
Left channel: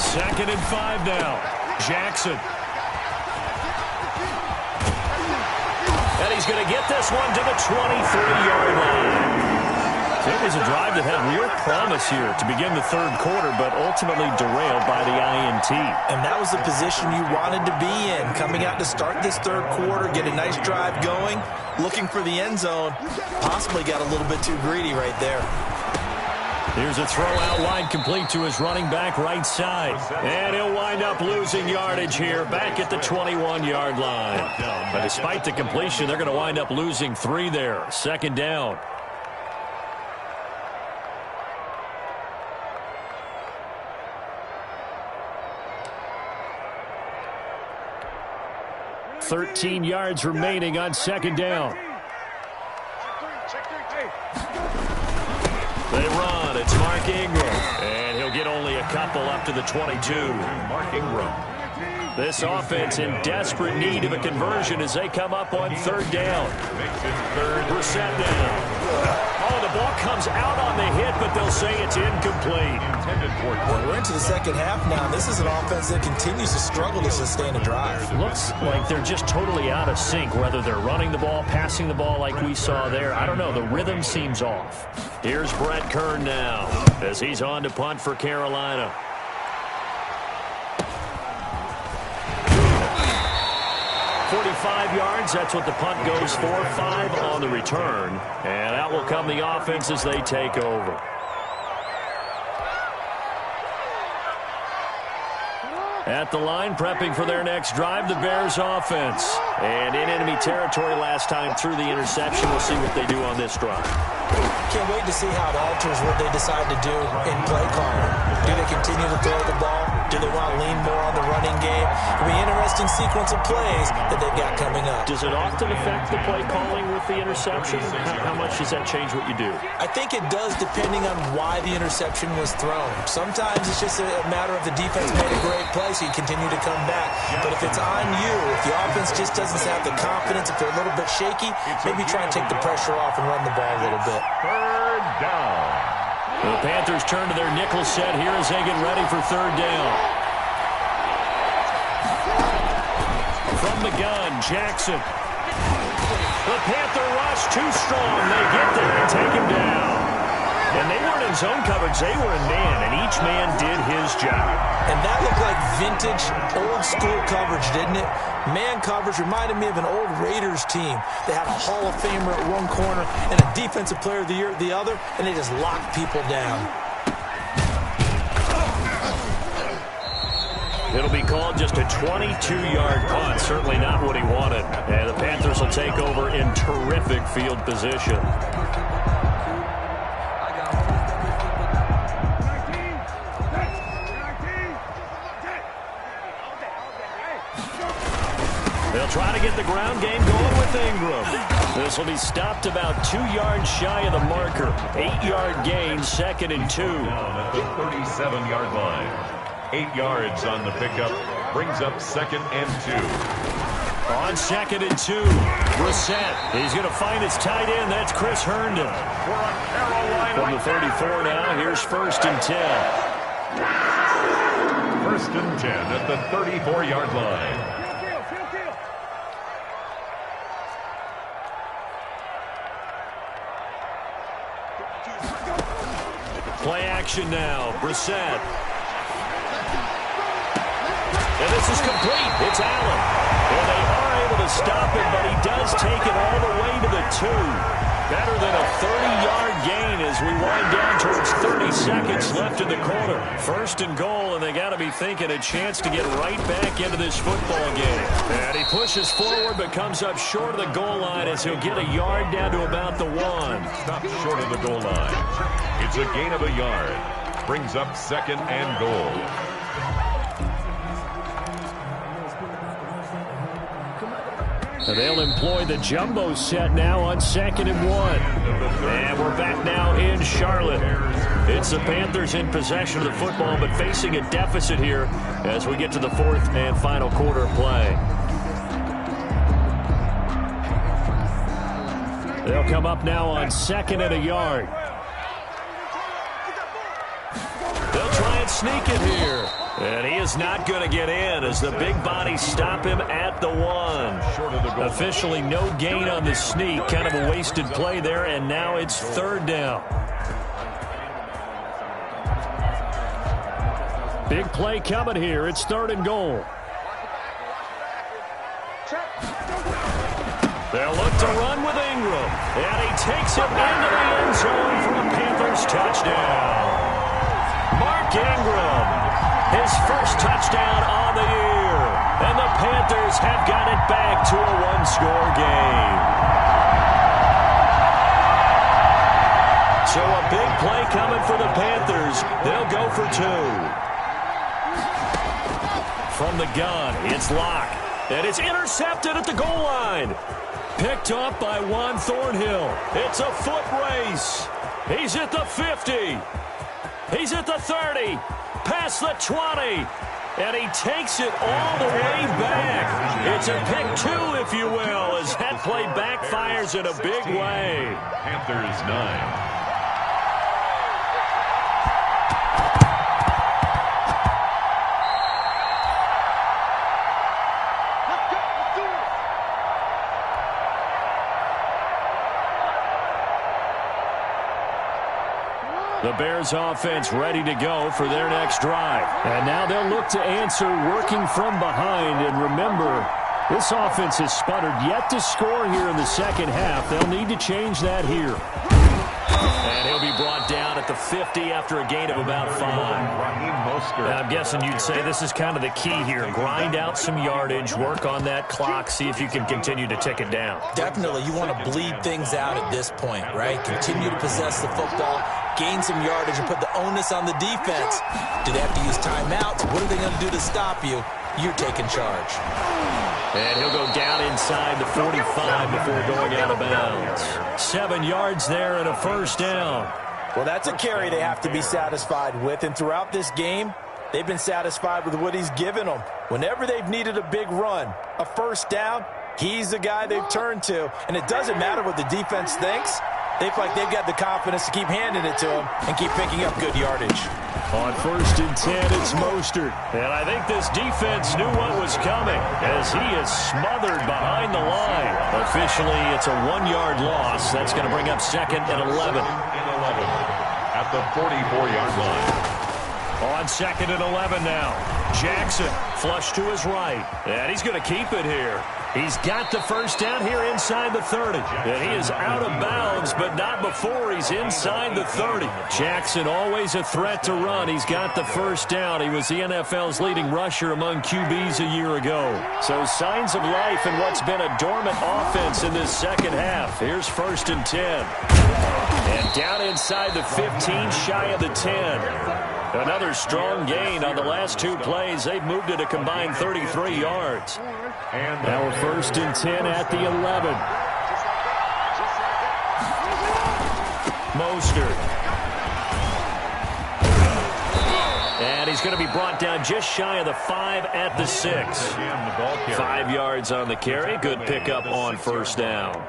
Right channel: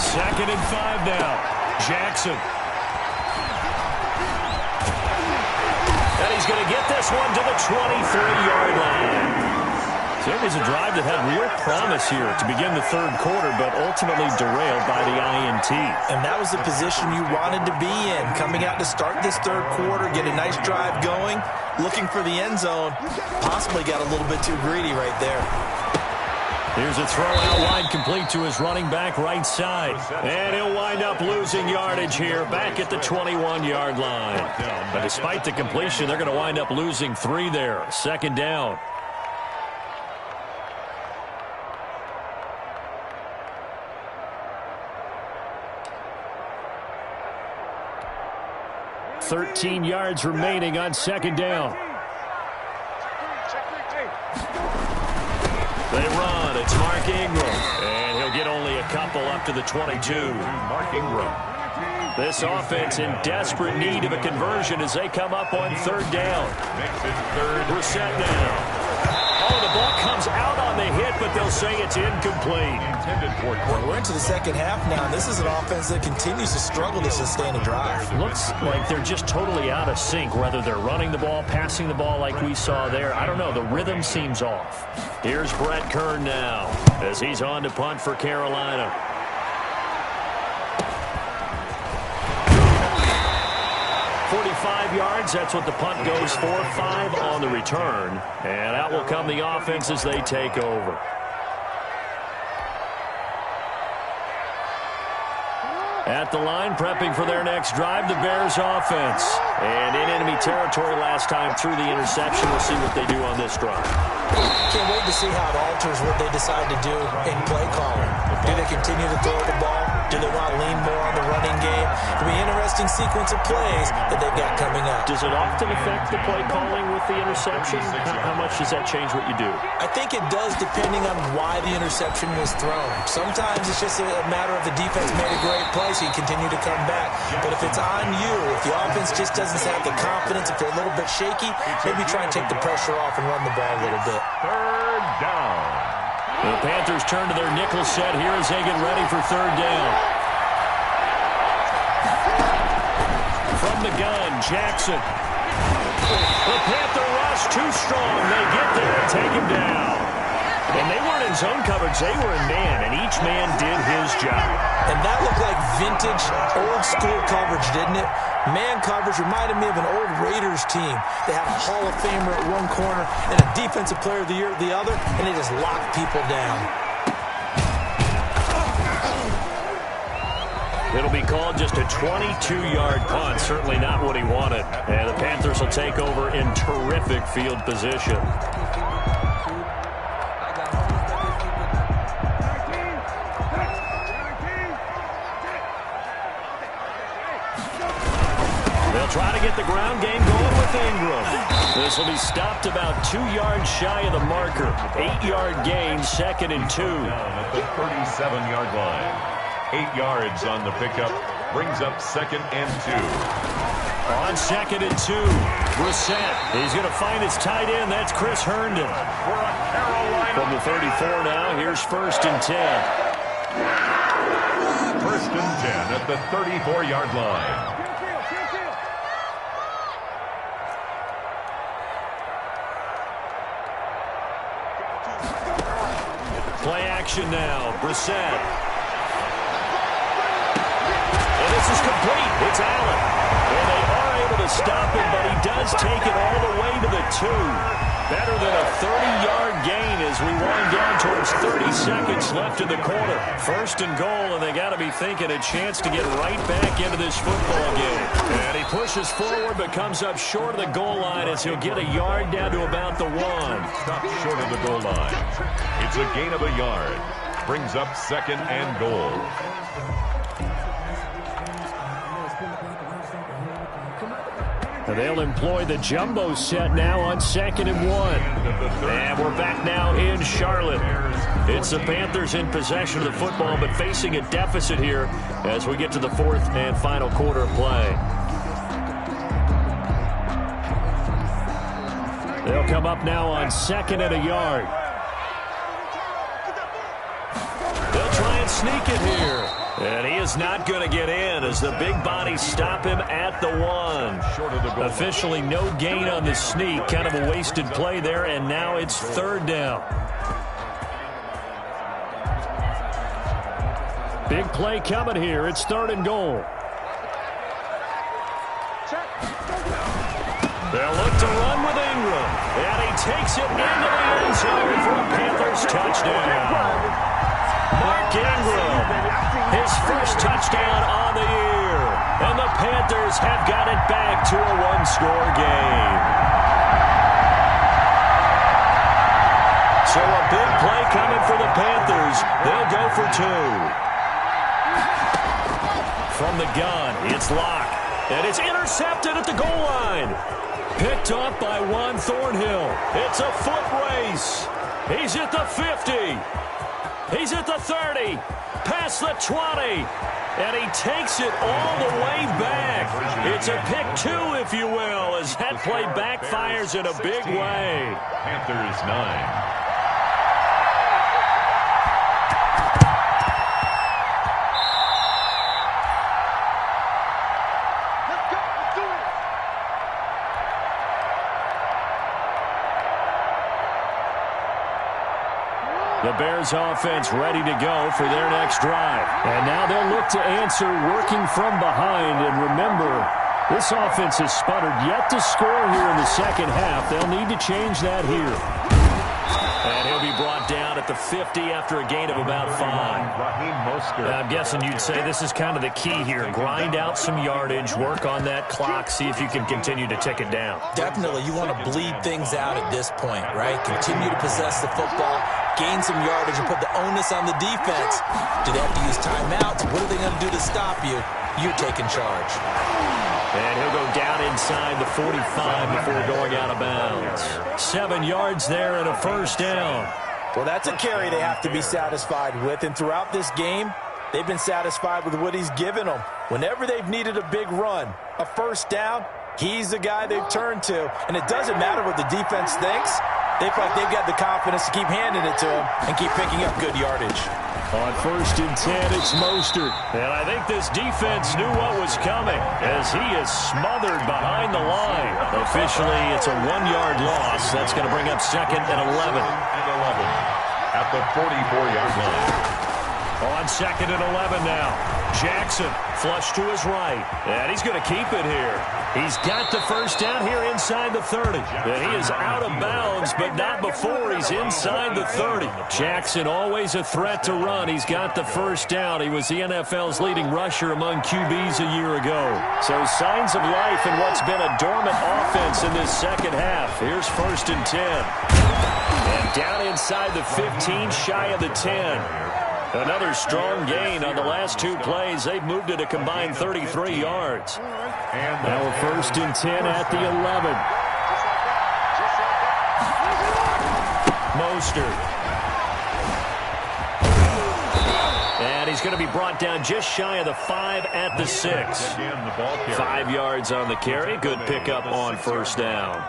Second and 5 now. Jackson. And he's going to get this one to the 23-yard line. So it was a drive that had real promise here to begin the third quarter, but ultimately derailed by the INT. And that was the position you wanted to be in, coming out to start this third quarter, get a nice drive going, looking for the end zone. Possibly got a little bit too greedy right there. Here's a throw out wide, complete to his running back right side. And he'll wind up losing yardage here back at the 21-yard line. But despite the completion, they're going to wind up losing 3 there. Second down. $13 yards remaining on second down. They run. It's Mark Ingram. And he'll get only a couple up to the 22. Mark Ingram. This offense in desperate need of a conversion as they come up on third down. Makes it third. Brissett down. Oh, the ball comes out on the hit, but they'll say it's incomplete. Intended for We're into the second half now. This is an offense that continues to struggle to sustain a drive. Looks like they're just totally out of sync, whether they're running the ball, passing the ball like we saw there. I don't know. The rhythm seems off. Here's Brett Kern now as he's on to punt for Carolina. .45 yards, that's what the punt goes for. 5 on the return. And out will come the offense as they take over. At the line, prepping for their next drive, the Bears offense. And in enemy territory last time through the interception. We'll see what they do on this drive. Can't wait to see how it alters what they decide to do in play calling. Do they continue to throw the ball? Do they want to lean more on the running game? It'll be an interesting sequence of plays that they've got coming up. Does it often affect the play calling with the interception? How much does that change what you do? I think it does, depending on why the interception was thrown. Sometimes it's just a matter of the defense made a great play, so you continue to come back. But if it's on you, if the offense just doesn't have the confidence, if they're a little bit shaky, maybe try and take the pressure off and run the ball a little bit. third down. The Panthers turn to their nickel set here as they get ready for third down. From the gun, Jackson. The Panther rush too strong. They get there and take him down. And they weren't in zone coverage. They were in man, and each man did his job. And that looked like vintage, old-school coverage, didn't it? Man coverage reminded me of an old Raiders team. They had a Hall of Famer at one corner and a Defensive Player of the Year at the other, and they just locked people down. It'll be called just a 22-yard punt. Certainly not what he wanted. And the Panthers will take over in terrific field position. They'll try to get the ground game going with Ingram. This will be stopped about 2 yards shy of the marker. 8-yard gain, 2nd and 2. Down at the 37-yard line. 8 yards on the pickup. Brings up 2nd and 2. On 2nd and 2, Brissett. He's going to find his tight end. That's Chris Herndon. For a Carolina. From the 34 now, here's 1st and 10. 1st and 10 at the 34-yard line. Play action now. Brissett. And this is complete. It's Allen. And they are able to stop him, but he does take it all the way to the 2. Better than a 30-yard gain as we wind down towards 30 seconds left in the quarter. 1st and goal, and they got to be thinking a chance to get right back into this football game. And he pushes forward, but comes up short of the goal line as he'll get a yard down to about the 1. Stopped short of the goal line. It's a gain of a yard. Brings up 2nd and goal. And they'll employ the jumbo set now on 2nd and 1. And we're back now in Charlotte. It's the Panthers in possession of the football, but facing a deficit here as we get to the 4th and final quarter of play. They'll come up now on 2nd and a yard. They'll try and sneak it here. And he is not going to get in as the big bodies stop him at the 1. Short of the goal. Officially no gain on the sneak. Kind of a wasted play there, and now it's 3rd down. Big play coming here. It's 3rd and goal. They'll look to run with Ingram. And he takes it into the end zone for a Panthers touchdown. Mark Ingram, his first touchdown on the year. And the Panthers have got it back to a one-score game. So a big play coming for the Panthers. They'll go for two. From the gun, it's Locke. And it's intercepted at the goal line. Picked up by Juan Thornhill. It's a foot race. He's at the 50. He's at the 30. Past the 20. And he takes it all the way back. It's a pick two, if you will, as that play backfires in a big way. Panthers 9. The Bears offense ready to go for their next drive. And now they'll look to answer working from behind. And remember, this offense has sputtered yet to score here in the second half. They'll need to change that here. And he'll be brought down at the 50 after a gain of about 5. I'm guessing you'd say this is kind of the key here. Grind out some yardage, work on that clock, see if you can continue to tick it down. Definitely, you want to bleed things out at this point, right? Continue to possess the football, gain some yardage, and put the onus on the defense. Do they have to use timeouts? What are they going to do to stop you? You're taking charge. And he'll go down inside the 45 before going out of bounds. 7 yards there and a first down. Well, that's a carry they have to be satisfied with. And throughout this game, they've been satisfied with what he's given them. Whenever they've needed a big run, a first down, he's the guy they've turned to. And it doesn't matter what the defense thinks. They feel like they've got the confidence to keep handing it to him and keep picking up good yardage. On 1st and 10, it's Mostert. And I think this defense knew what was coming as he is smothered behind the line. Officially, it's a 1-yard loss. That's going to bring up 2nd and 11. At the 44-yard line. On 2nd and 11 now. Jackson flush to his right. And he's going to keep it here. He's got the first down here inside the 30. And he is out of bounds, but not before he's inside the 30. Jackson always a threat to run. He's got the first down. He was the NFL's leading rusher among QBs a year ago. So signs of life in what's been a dormant offense in this second half. Here's 1st and 10. And down inside the 15, shy of the 10. Another strong gain on the last 2 plays. They've moved it a combined 33 yards. And now we're 1st and 10 at the 11. Mostert. And he's going to be brought down just shy of the 5 at the 6. 5 yards on the carry. Good pickup on first down.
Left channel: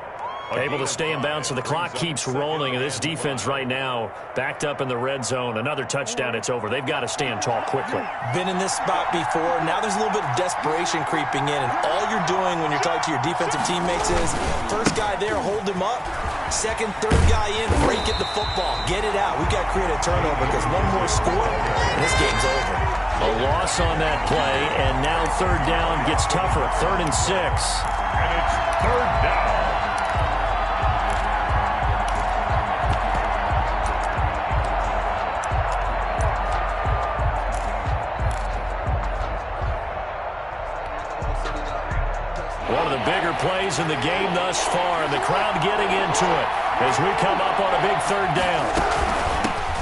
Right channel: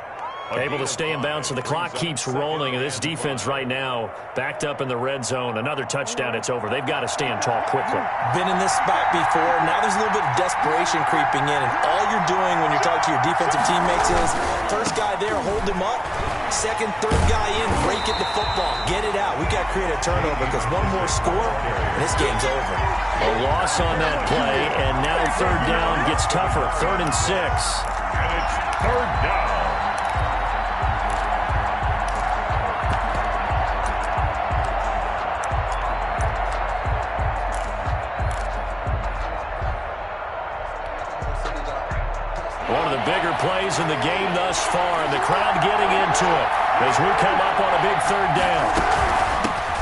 Able to stay in bounds, so the clock keeps rolling. And this defense right now backed up in the red zone. Another touchdown, it's over. They've got to stand tall quickly. Been in this spot before. Now there's a little bit of desperation creeping in. And all you're doing when you're talking to your defensive teammates is, first guy there, hold him up. Second, third guy in, break at the football. Get it out. We've got to create a turnover because one more score, and this game's over. A loss on that play, and now 3rd down gets tougher. 3rd and 6. And it's 3rd down. One of the bigger plays in the game thus far, and the crowd getting into it as we come up on a big 3rd down.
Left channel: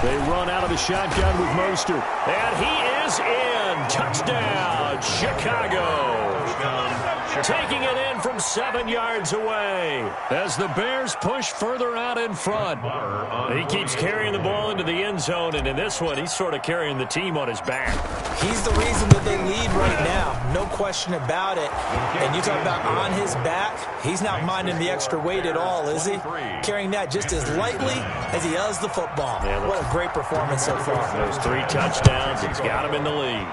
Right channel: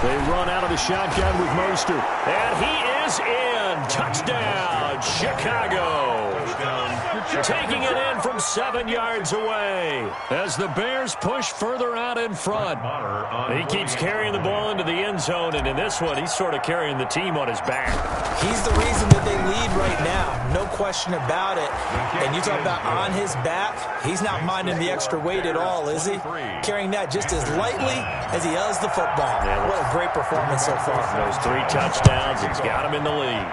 They run out of the shotgun with Mostert, and he is in. Touchdown, Chicago. Taking it in from 7 yards away as the Bears push further out in front. He keeps carrying the ball into the end zone, and in this one, he's sort of carrying the team on his back. He's the reason that they lead right now. No question about it. And you talk about on his back, he's not minding the extra weight at all, is he? Carrying that just as lightly as he does the football. Yeah, what a great performance so far. Those 3 touchdowns, he's got him in the lead.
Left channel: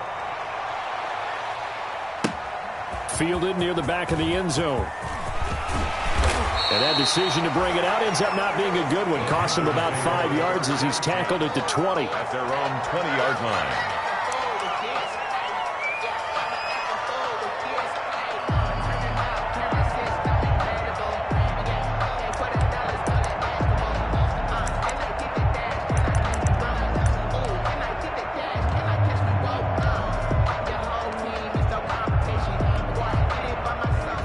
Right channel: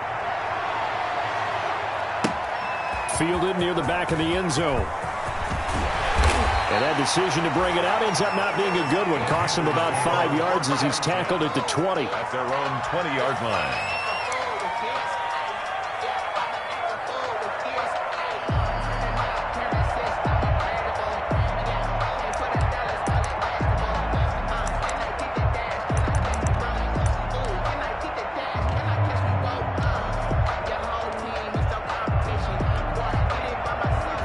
Fielded near the back of the end zone. And that decision to bring it out ends up not being a good one. Costs him about 5 yards as he's tackled at the 20. At their own 20-yard line.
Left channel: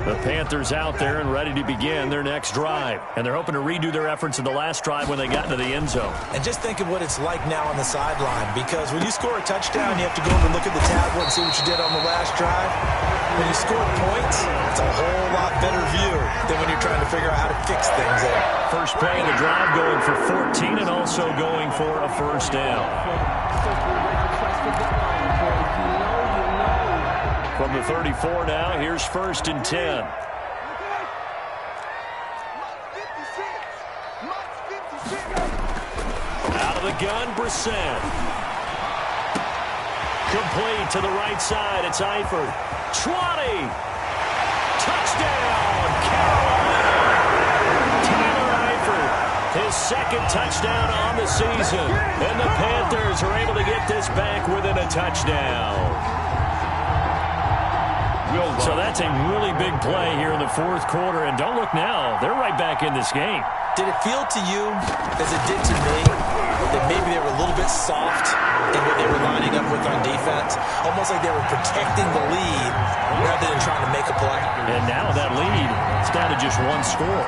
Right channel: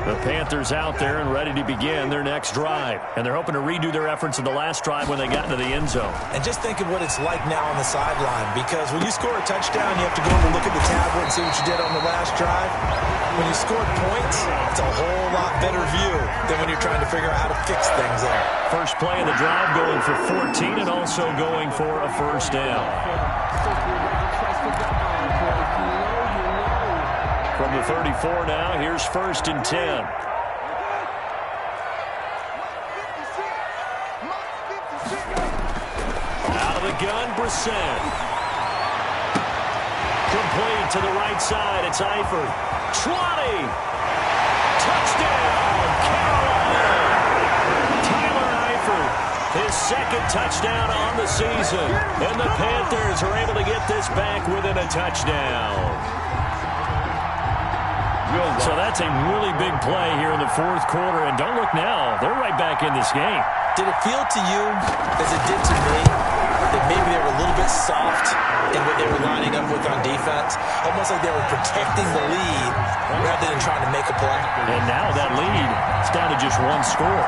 The Panthers out there and ready to begin their next drive. And they're hoping to redo their efforts in the last drive when they got into the end zone. And just think of what it's like now on the sideline, because when you score a touchdown, you have to go over and look at the tablet and see what you did on the last drive. When you scored points, it's a whole lot better view than when you're trying to figure out how to fix things there. First play of the drive going for 14 and also going for a first down. From the 34 now, here's 1st and 10. Out of the gun, Brissett. Complete to the right side. It's Eifert. 20. Touchdown, Carolina. Tyler Eifert, his second touchdown on the season. And the Panthers are able to get this back within a touchdown. So that's a really big play here in the fourth quarter. And don't look now, they're right back in this game. Did it feel to you, as it did to me, that maybe they were a little bit soft in what they were lining up with on defense? Almost like they were protecting the lead rather than trying to make a play. And now that lead is down to just one score.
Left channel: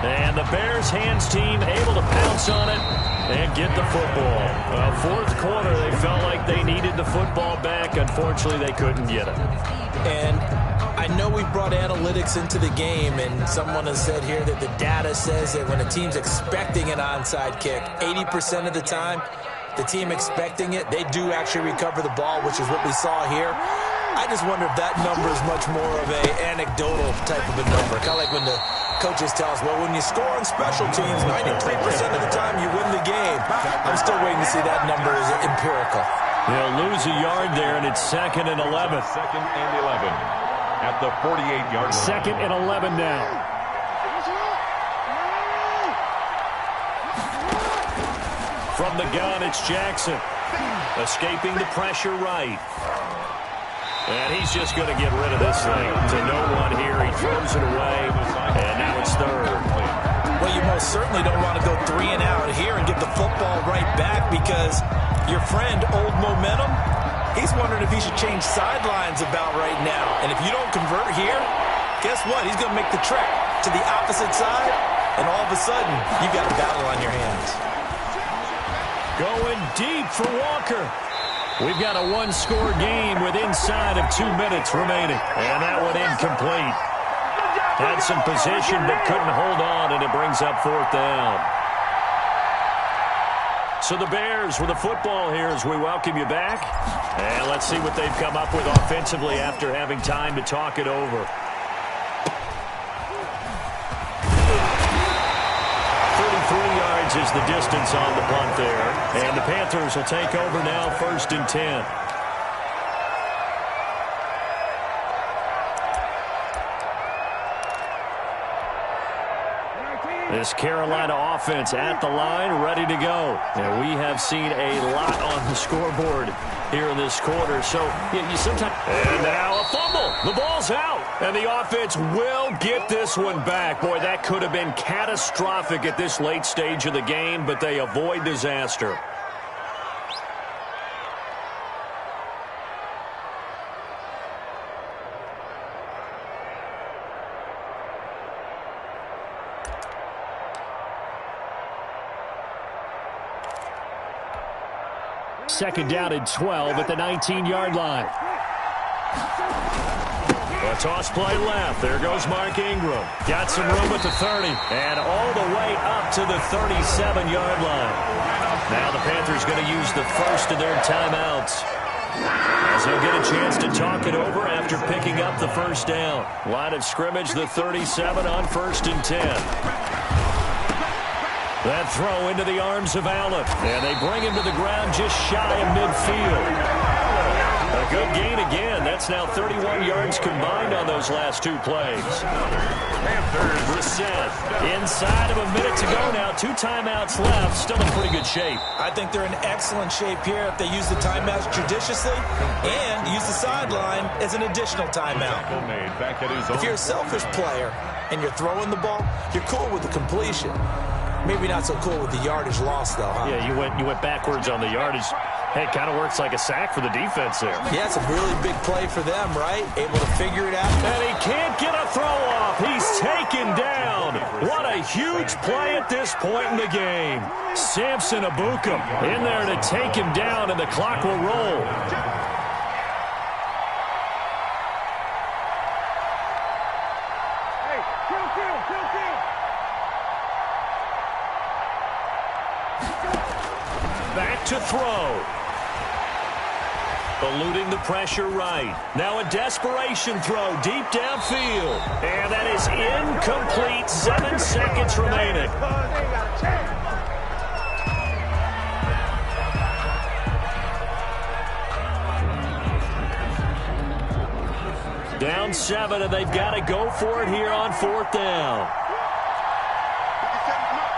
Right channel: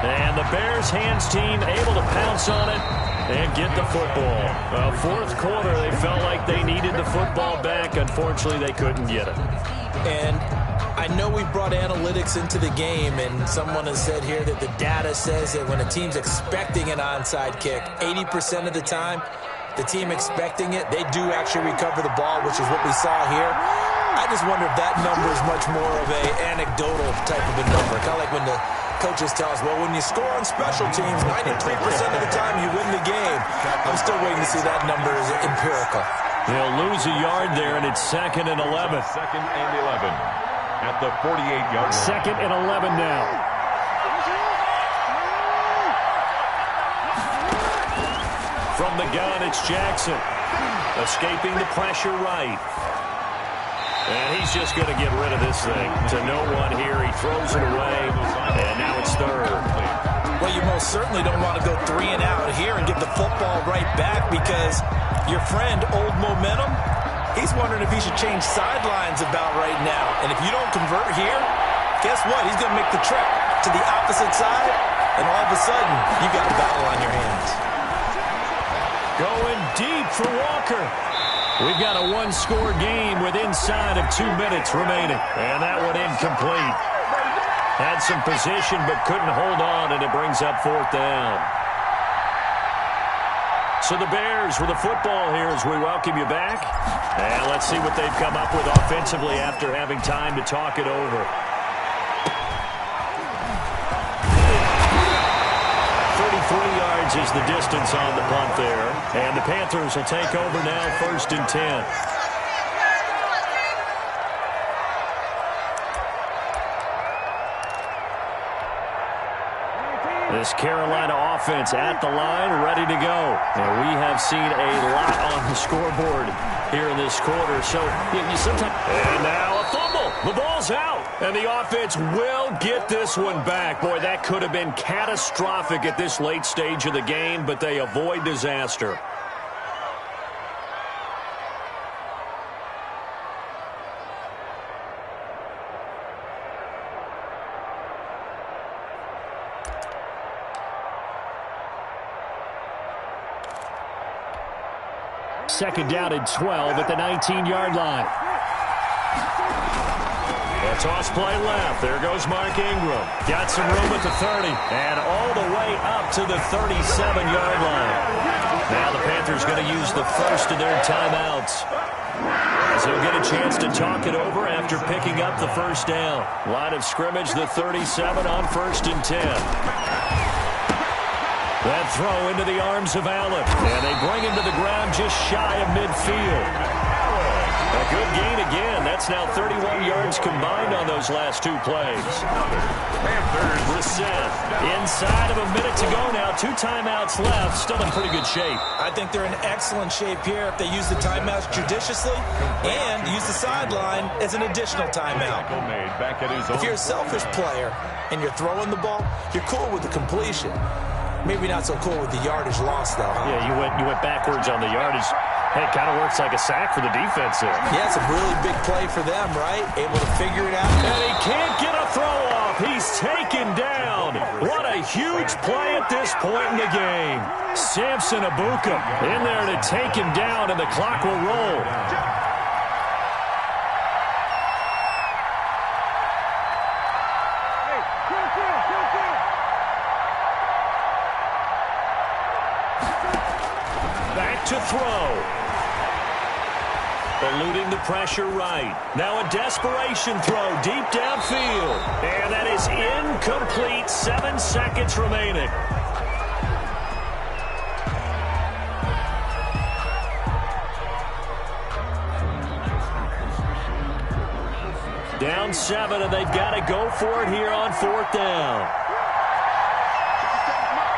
And the Bears hands team able to pounce on it and get the football. Well, fourth quarter, they felt like they needed the football back. Unfortunately, they couldn't get it. And I know we brought analytics into the game, and someone has said here that the data says that when a team's expecting an onside kick, 80% of the time, the team expecting it, they do actually recover the ball, which is what we saw here. I just wonder if that number is much more of an anecdotal type of a number. Kind of like when the coaches tell us, well, when you score on special teams, 93% of the time you win the game. I'm still waiting to see that number as empirical. They'll lose a yard there, and it's 2nd and 11. 2nd and 11 at the 48-yard line. 2nd and 11 now. From the gun, it's Jackson. Escaping the pressure right. And he's just going to get rid of this thing to no one here. He throws it away, and now it's 3rd. Well, you most certainly don't want to go 3 and out here and get the football right back, because your friend, Old Momentum, he's wondering if he should change sidelines about right now. And if you don't convert here, guess what? He's going to make the trek to the opposite side, and all of a sudden, you've got a battle on your hands. Going deep for Walker. We've got a one-score game with inside of 2 minutes remaining. And that one incomplete. Had some position but couldn't hold on, and it brings up 4th down. So the Bears with the football here as we welcome you back. And let's see what they've come up with offensively after having time to talk it over. 33 yards is the distance on the punt there. And the Panthers will take over now, 1st and 10. This Carolina offense at the line, ready to go. And we have seen a lot on the scoreboard here in this quarter. So you sometimes... And now a fumble. The ball's out. And the offense will get this one back. Boy, that could have been catastrophic at this late stage of the game, but they avoid disaster. Second down and 12 at the 19-yard line. A toss play left. There goes Mark Ingram. Got some room at the 30. And all the way up to the 37-yard line. Now the Panthers going to use the first of their timeouts, as they'll get a chance to talk it over after picking up the first down. Line of scrimmage, the 37 on 1st and 10. That throw into the arms of Allen. And they bring him to the ground just shy of midfield. A good gain again. That's now 31 yards combined on those last 2 plays. Panthers. Brissett inside of a minute to go now. 2 timeouts left. Still in pretty good shape. I think they're in excellent shape here if they use the timeouts judiciously and use the sideline as an additional timeout. If you're a selfish player and you're throwing the ball, you're cool with the completion. Maybe not so cool with the yardage loss, though, huh? Yeah, you went backwards on the yardage. Hey, it kind of works like a sack for the defense there. Yeah, it's a really big play for them, right? Able to figure it out. And he can't get a throw off. He's taken down. What a huge play at this point in the game. Samson Abukum in there to take him down, and the clock will roll. Back to throw. Eluding the pressure right. Now a desperation throw deep downfield. And that is incomplete. 7 seconds remaining. Down 7, and they've got to go for it here on 4th down. 57, Mike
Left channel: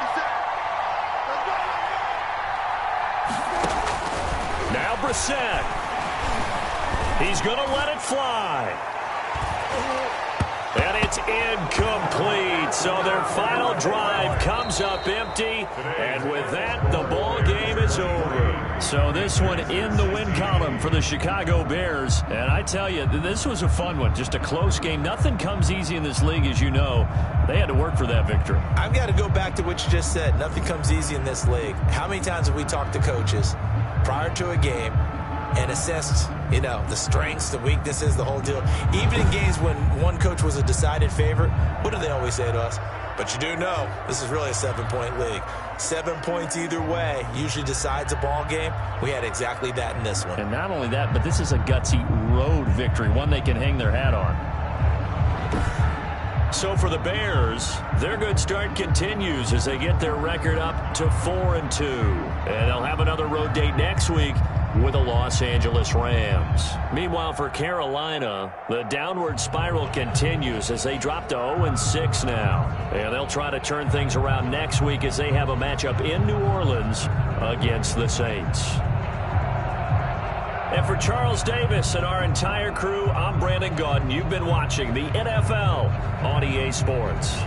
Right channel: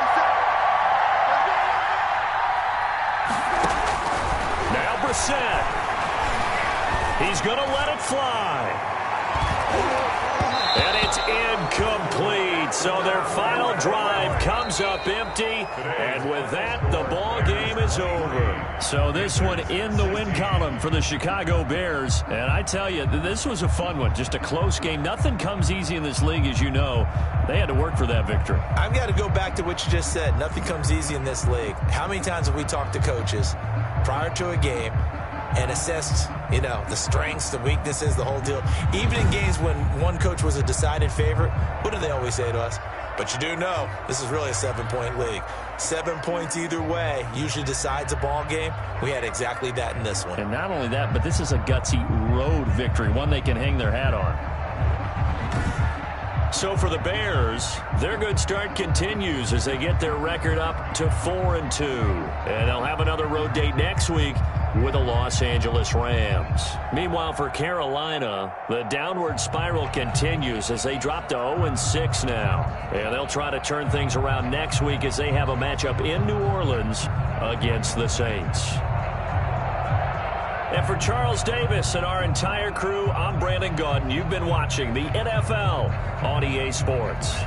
57. Let's go. Now Brissett. He's going to let it fly. And it's incomplete. So their final drive comes up empty. And with that, the ball game is over. So this one in the win column for the Chicago Bears. And I tell you, this was a fun one. Just a close game. Nothing comes easy in this league, as you know. They had to work for that victory. I've got to go back to what you just said. Nothing comes easy in this league. How many times have we talked to coaches prior to a game and assessed, you know, the strengths, the weaknesses, the whole deal? Even in games when one coach was a decided favorite, what do they always say to us? But you do know this is really a 7-point league. 7 points either way usually decides a ball game. We had exactly that in this one. And not only that, but this is a gutsy road victory, one they can hang their hat on. So for the Bears, their good start continues as they get their record up to 4-2. And they'll have another road date next week with the Los Angeles Rams. Meanwhile, for Carolina, the downward spiral continues as they drop to 0-6 now. And they'll try to turn things around next week as they have a matchup in New Orleans against the Saints. And for Charles Davis and our entire crew, I'm Brandon Gaudin. You've been watching the NFL on EA Sports.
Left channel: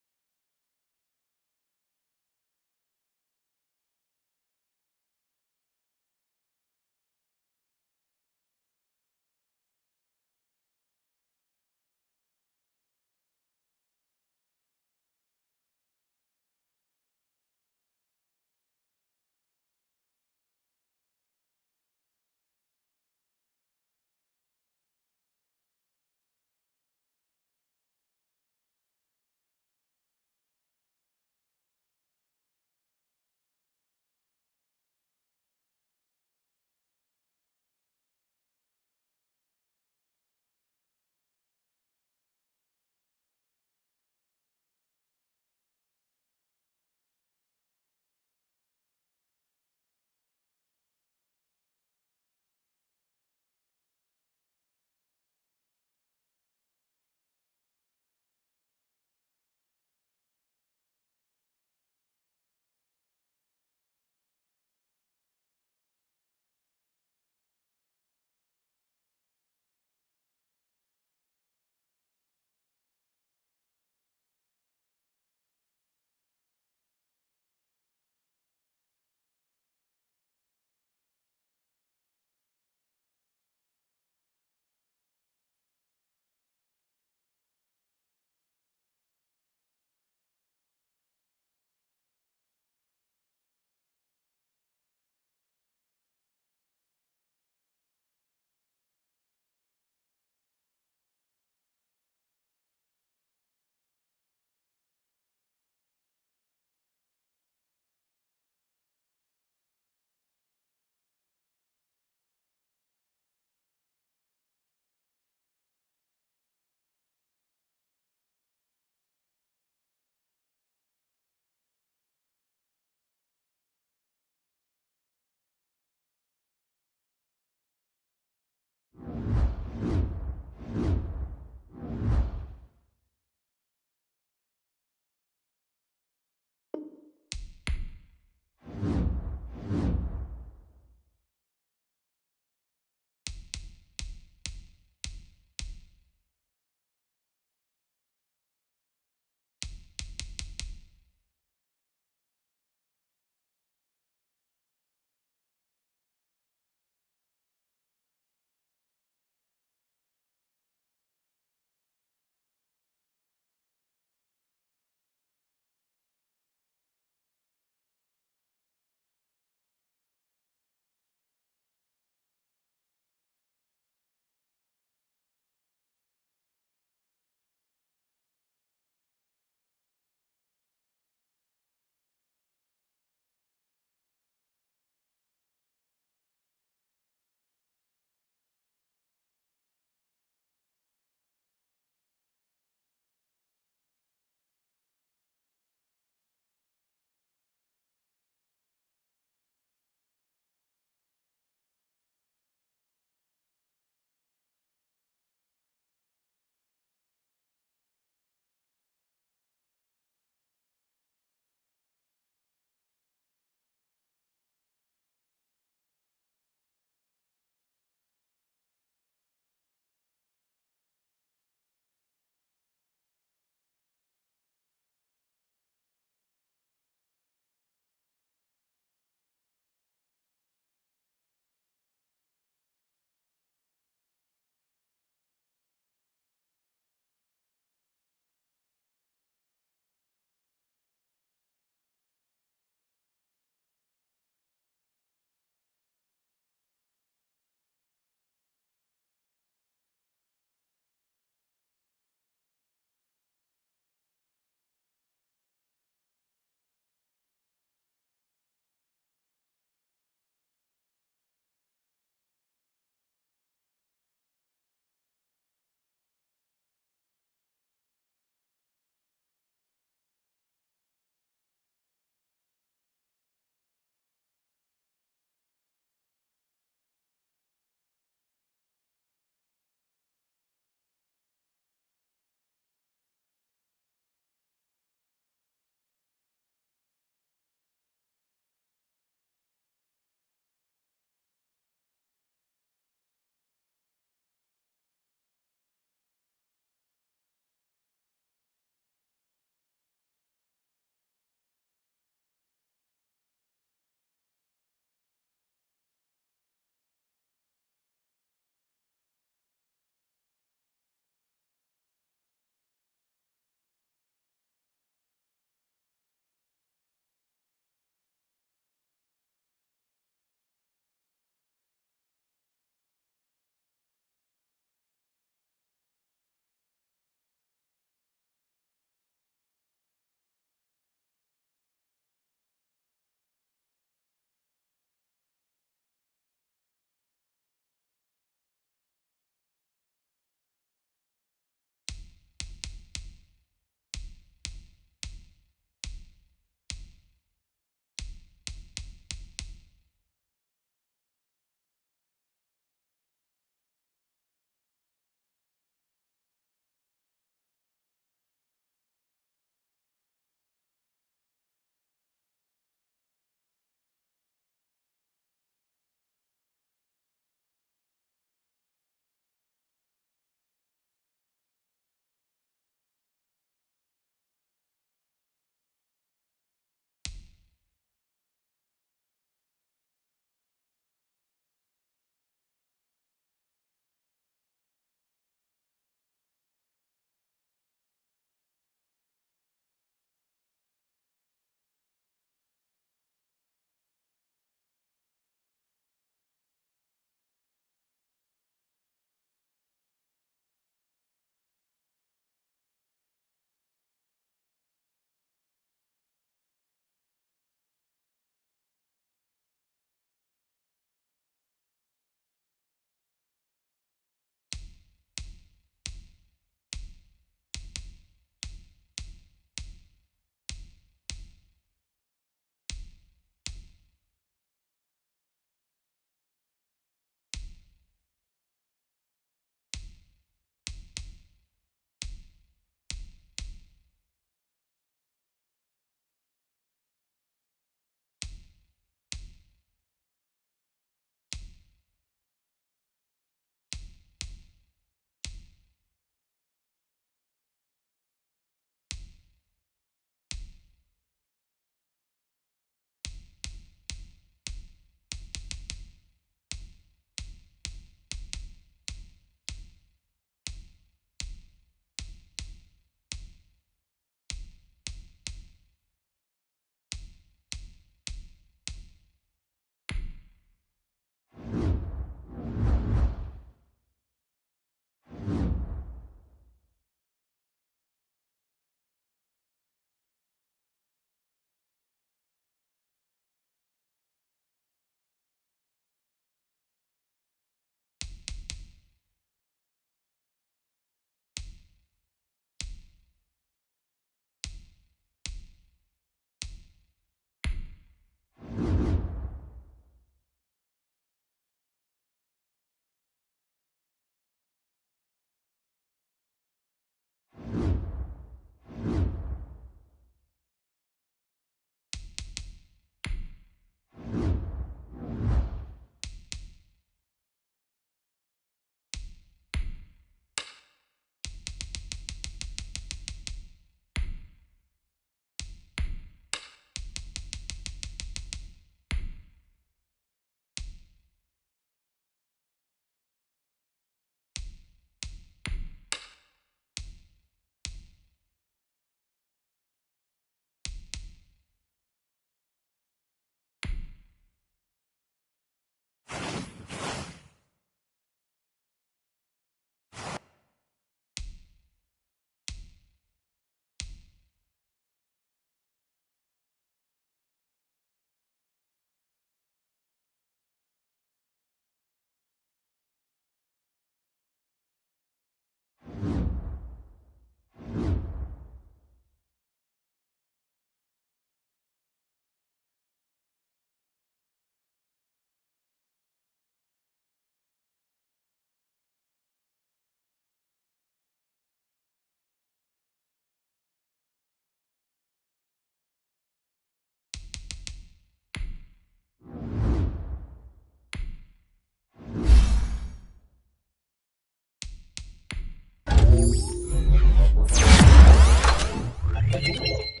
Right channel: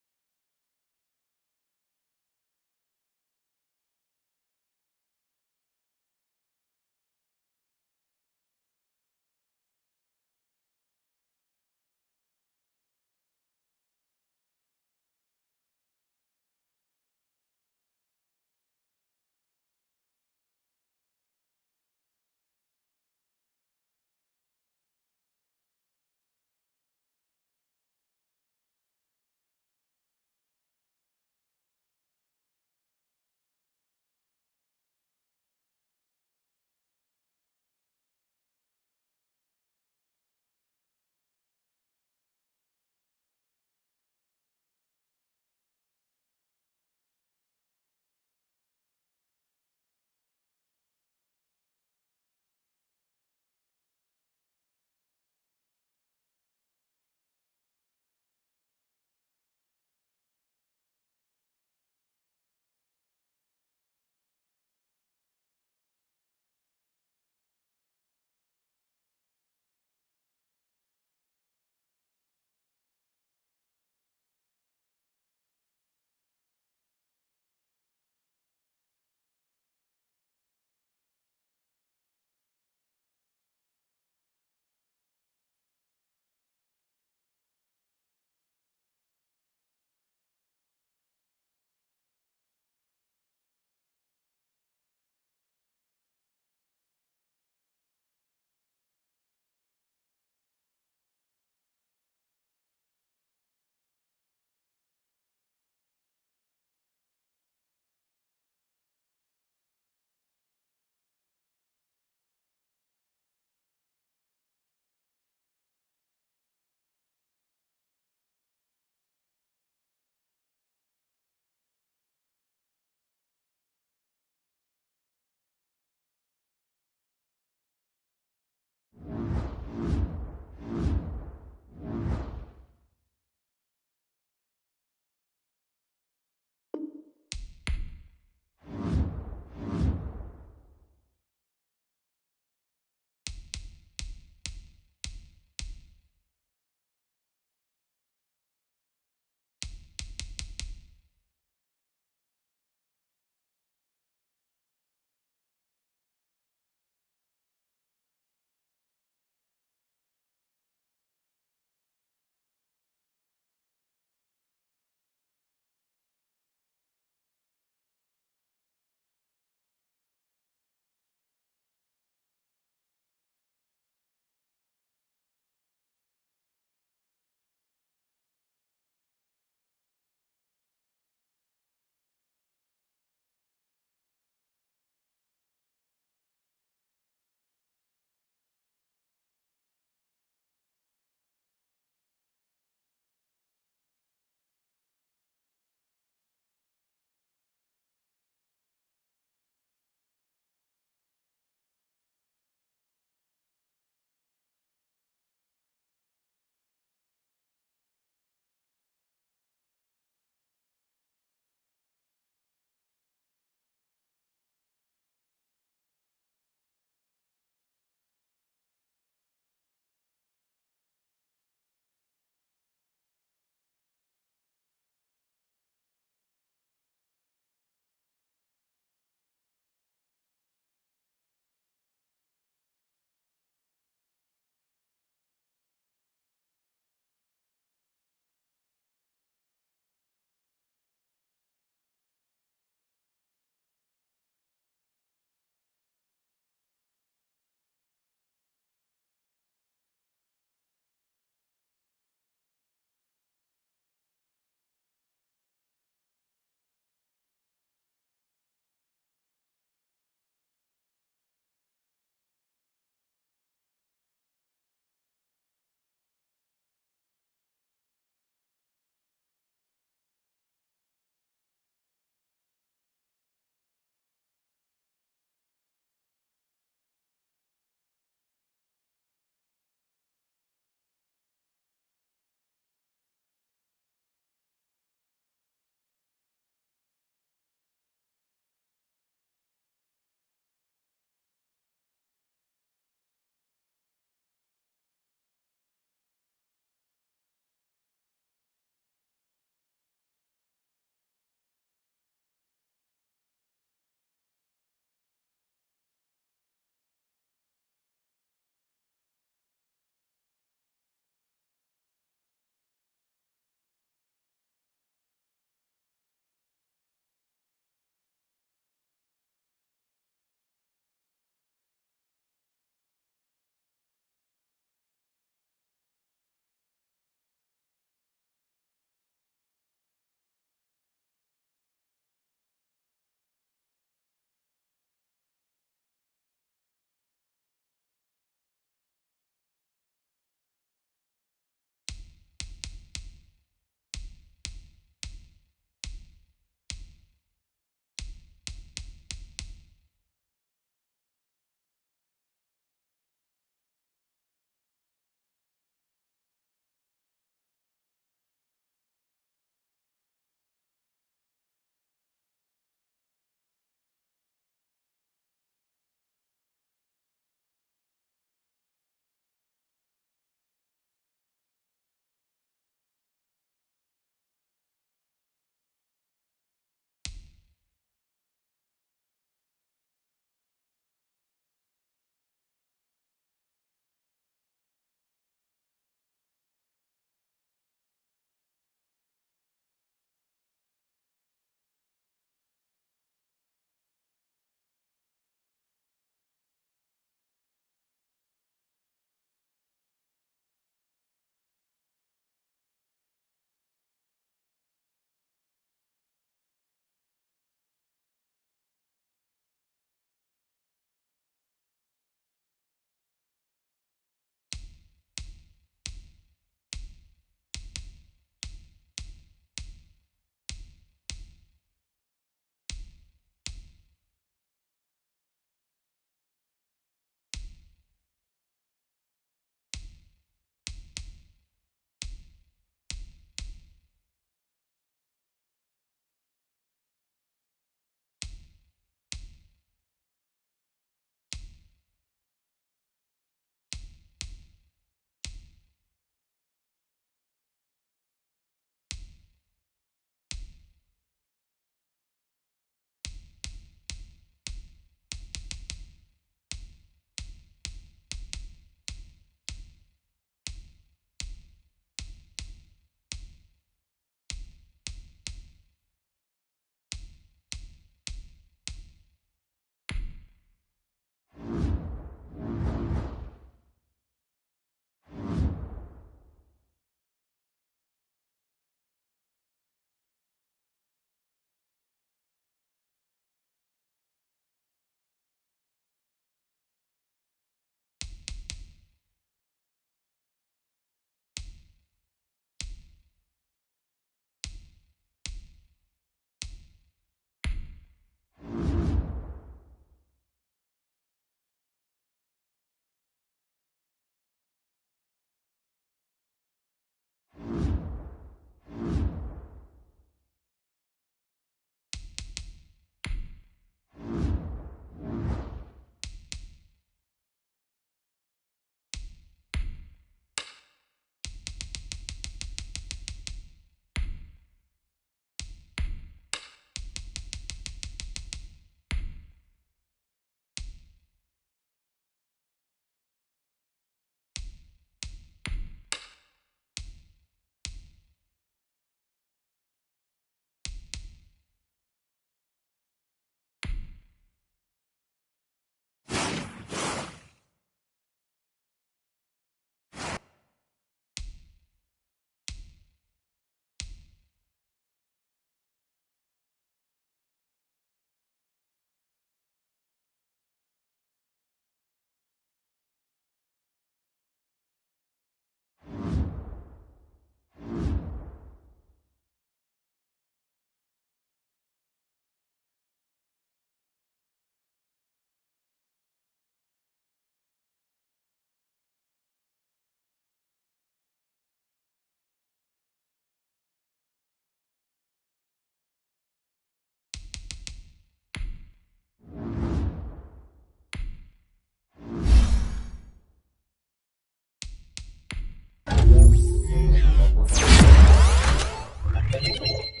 1.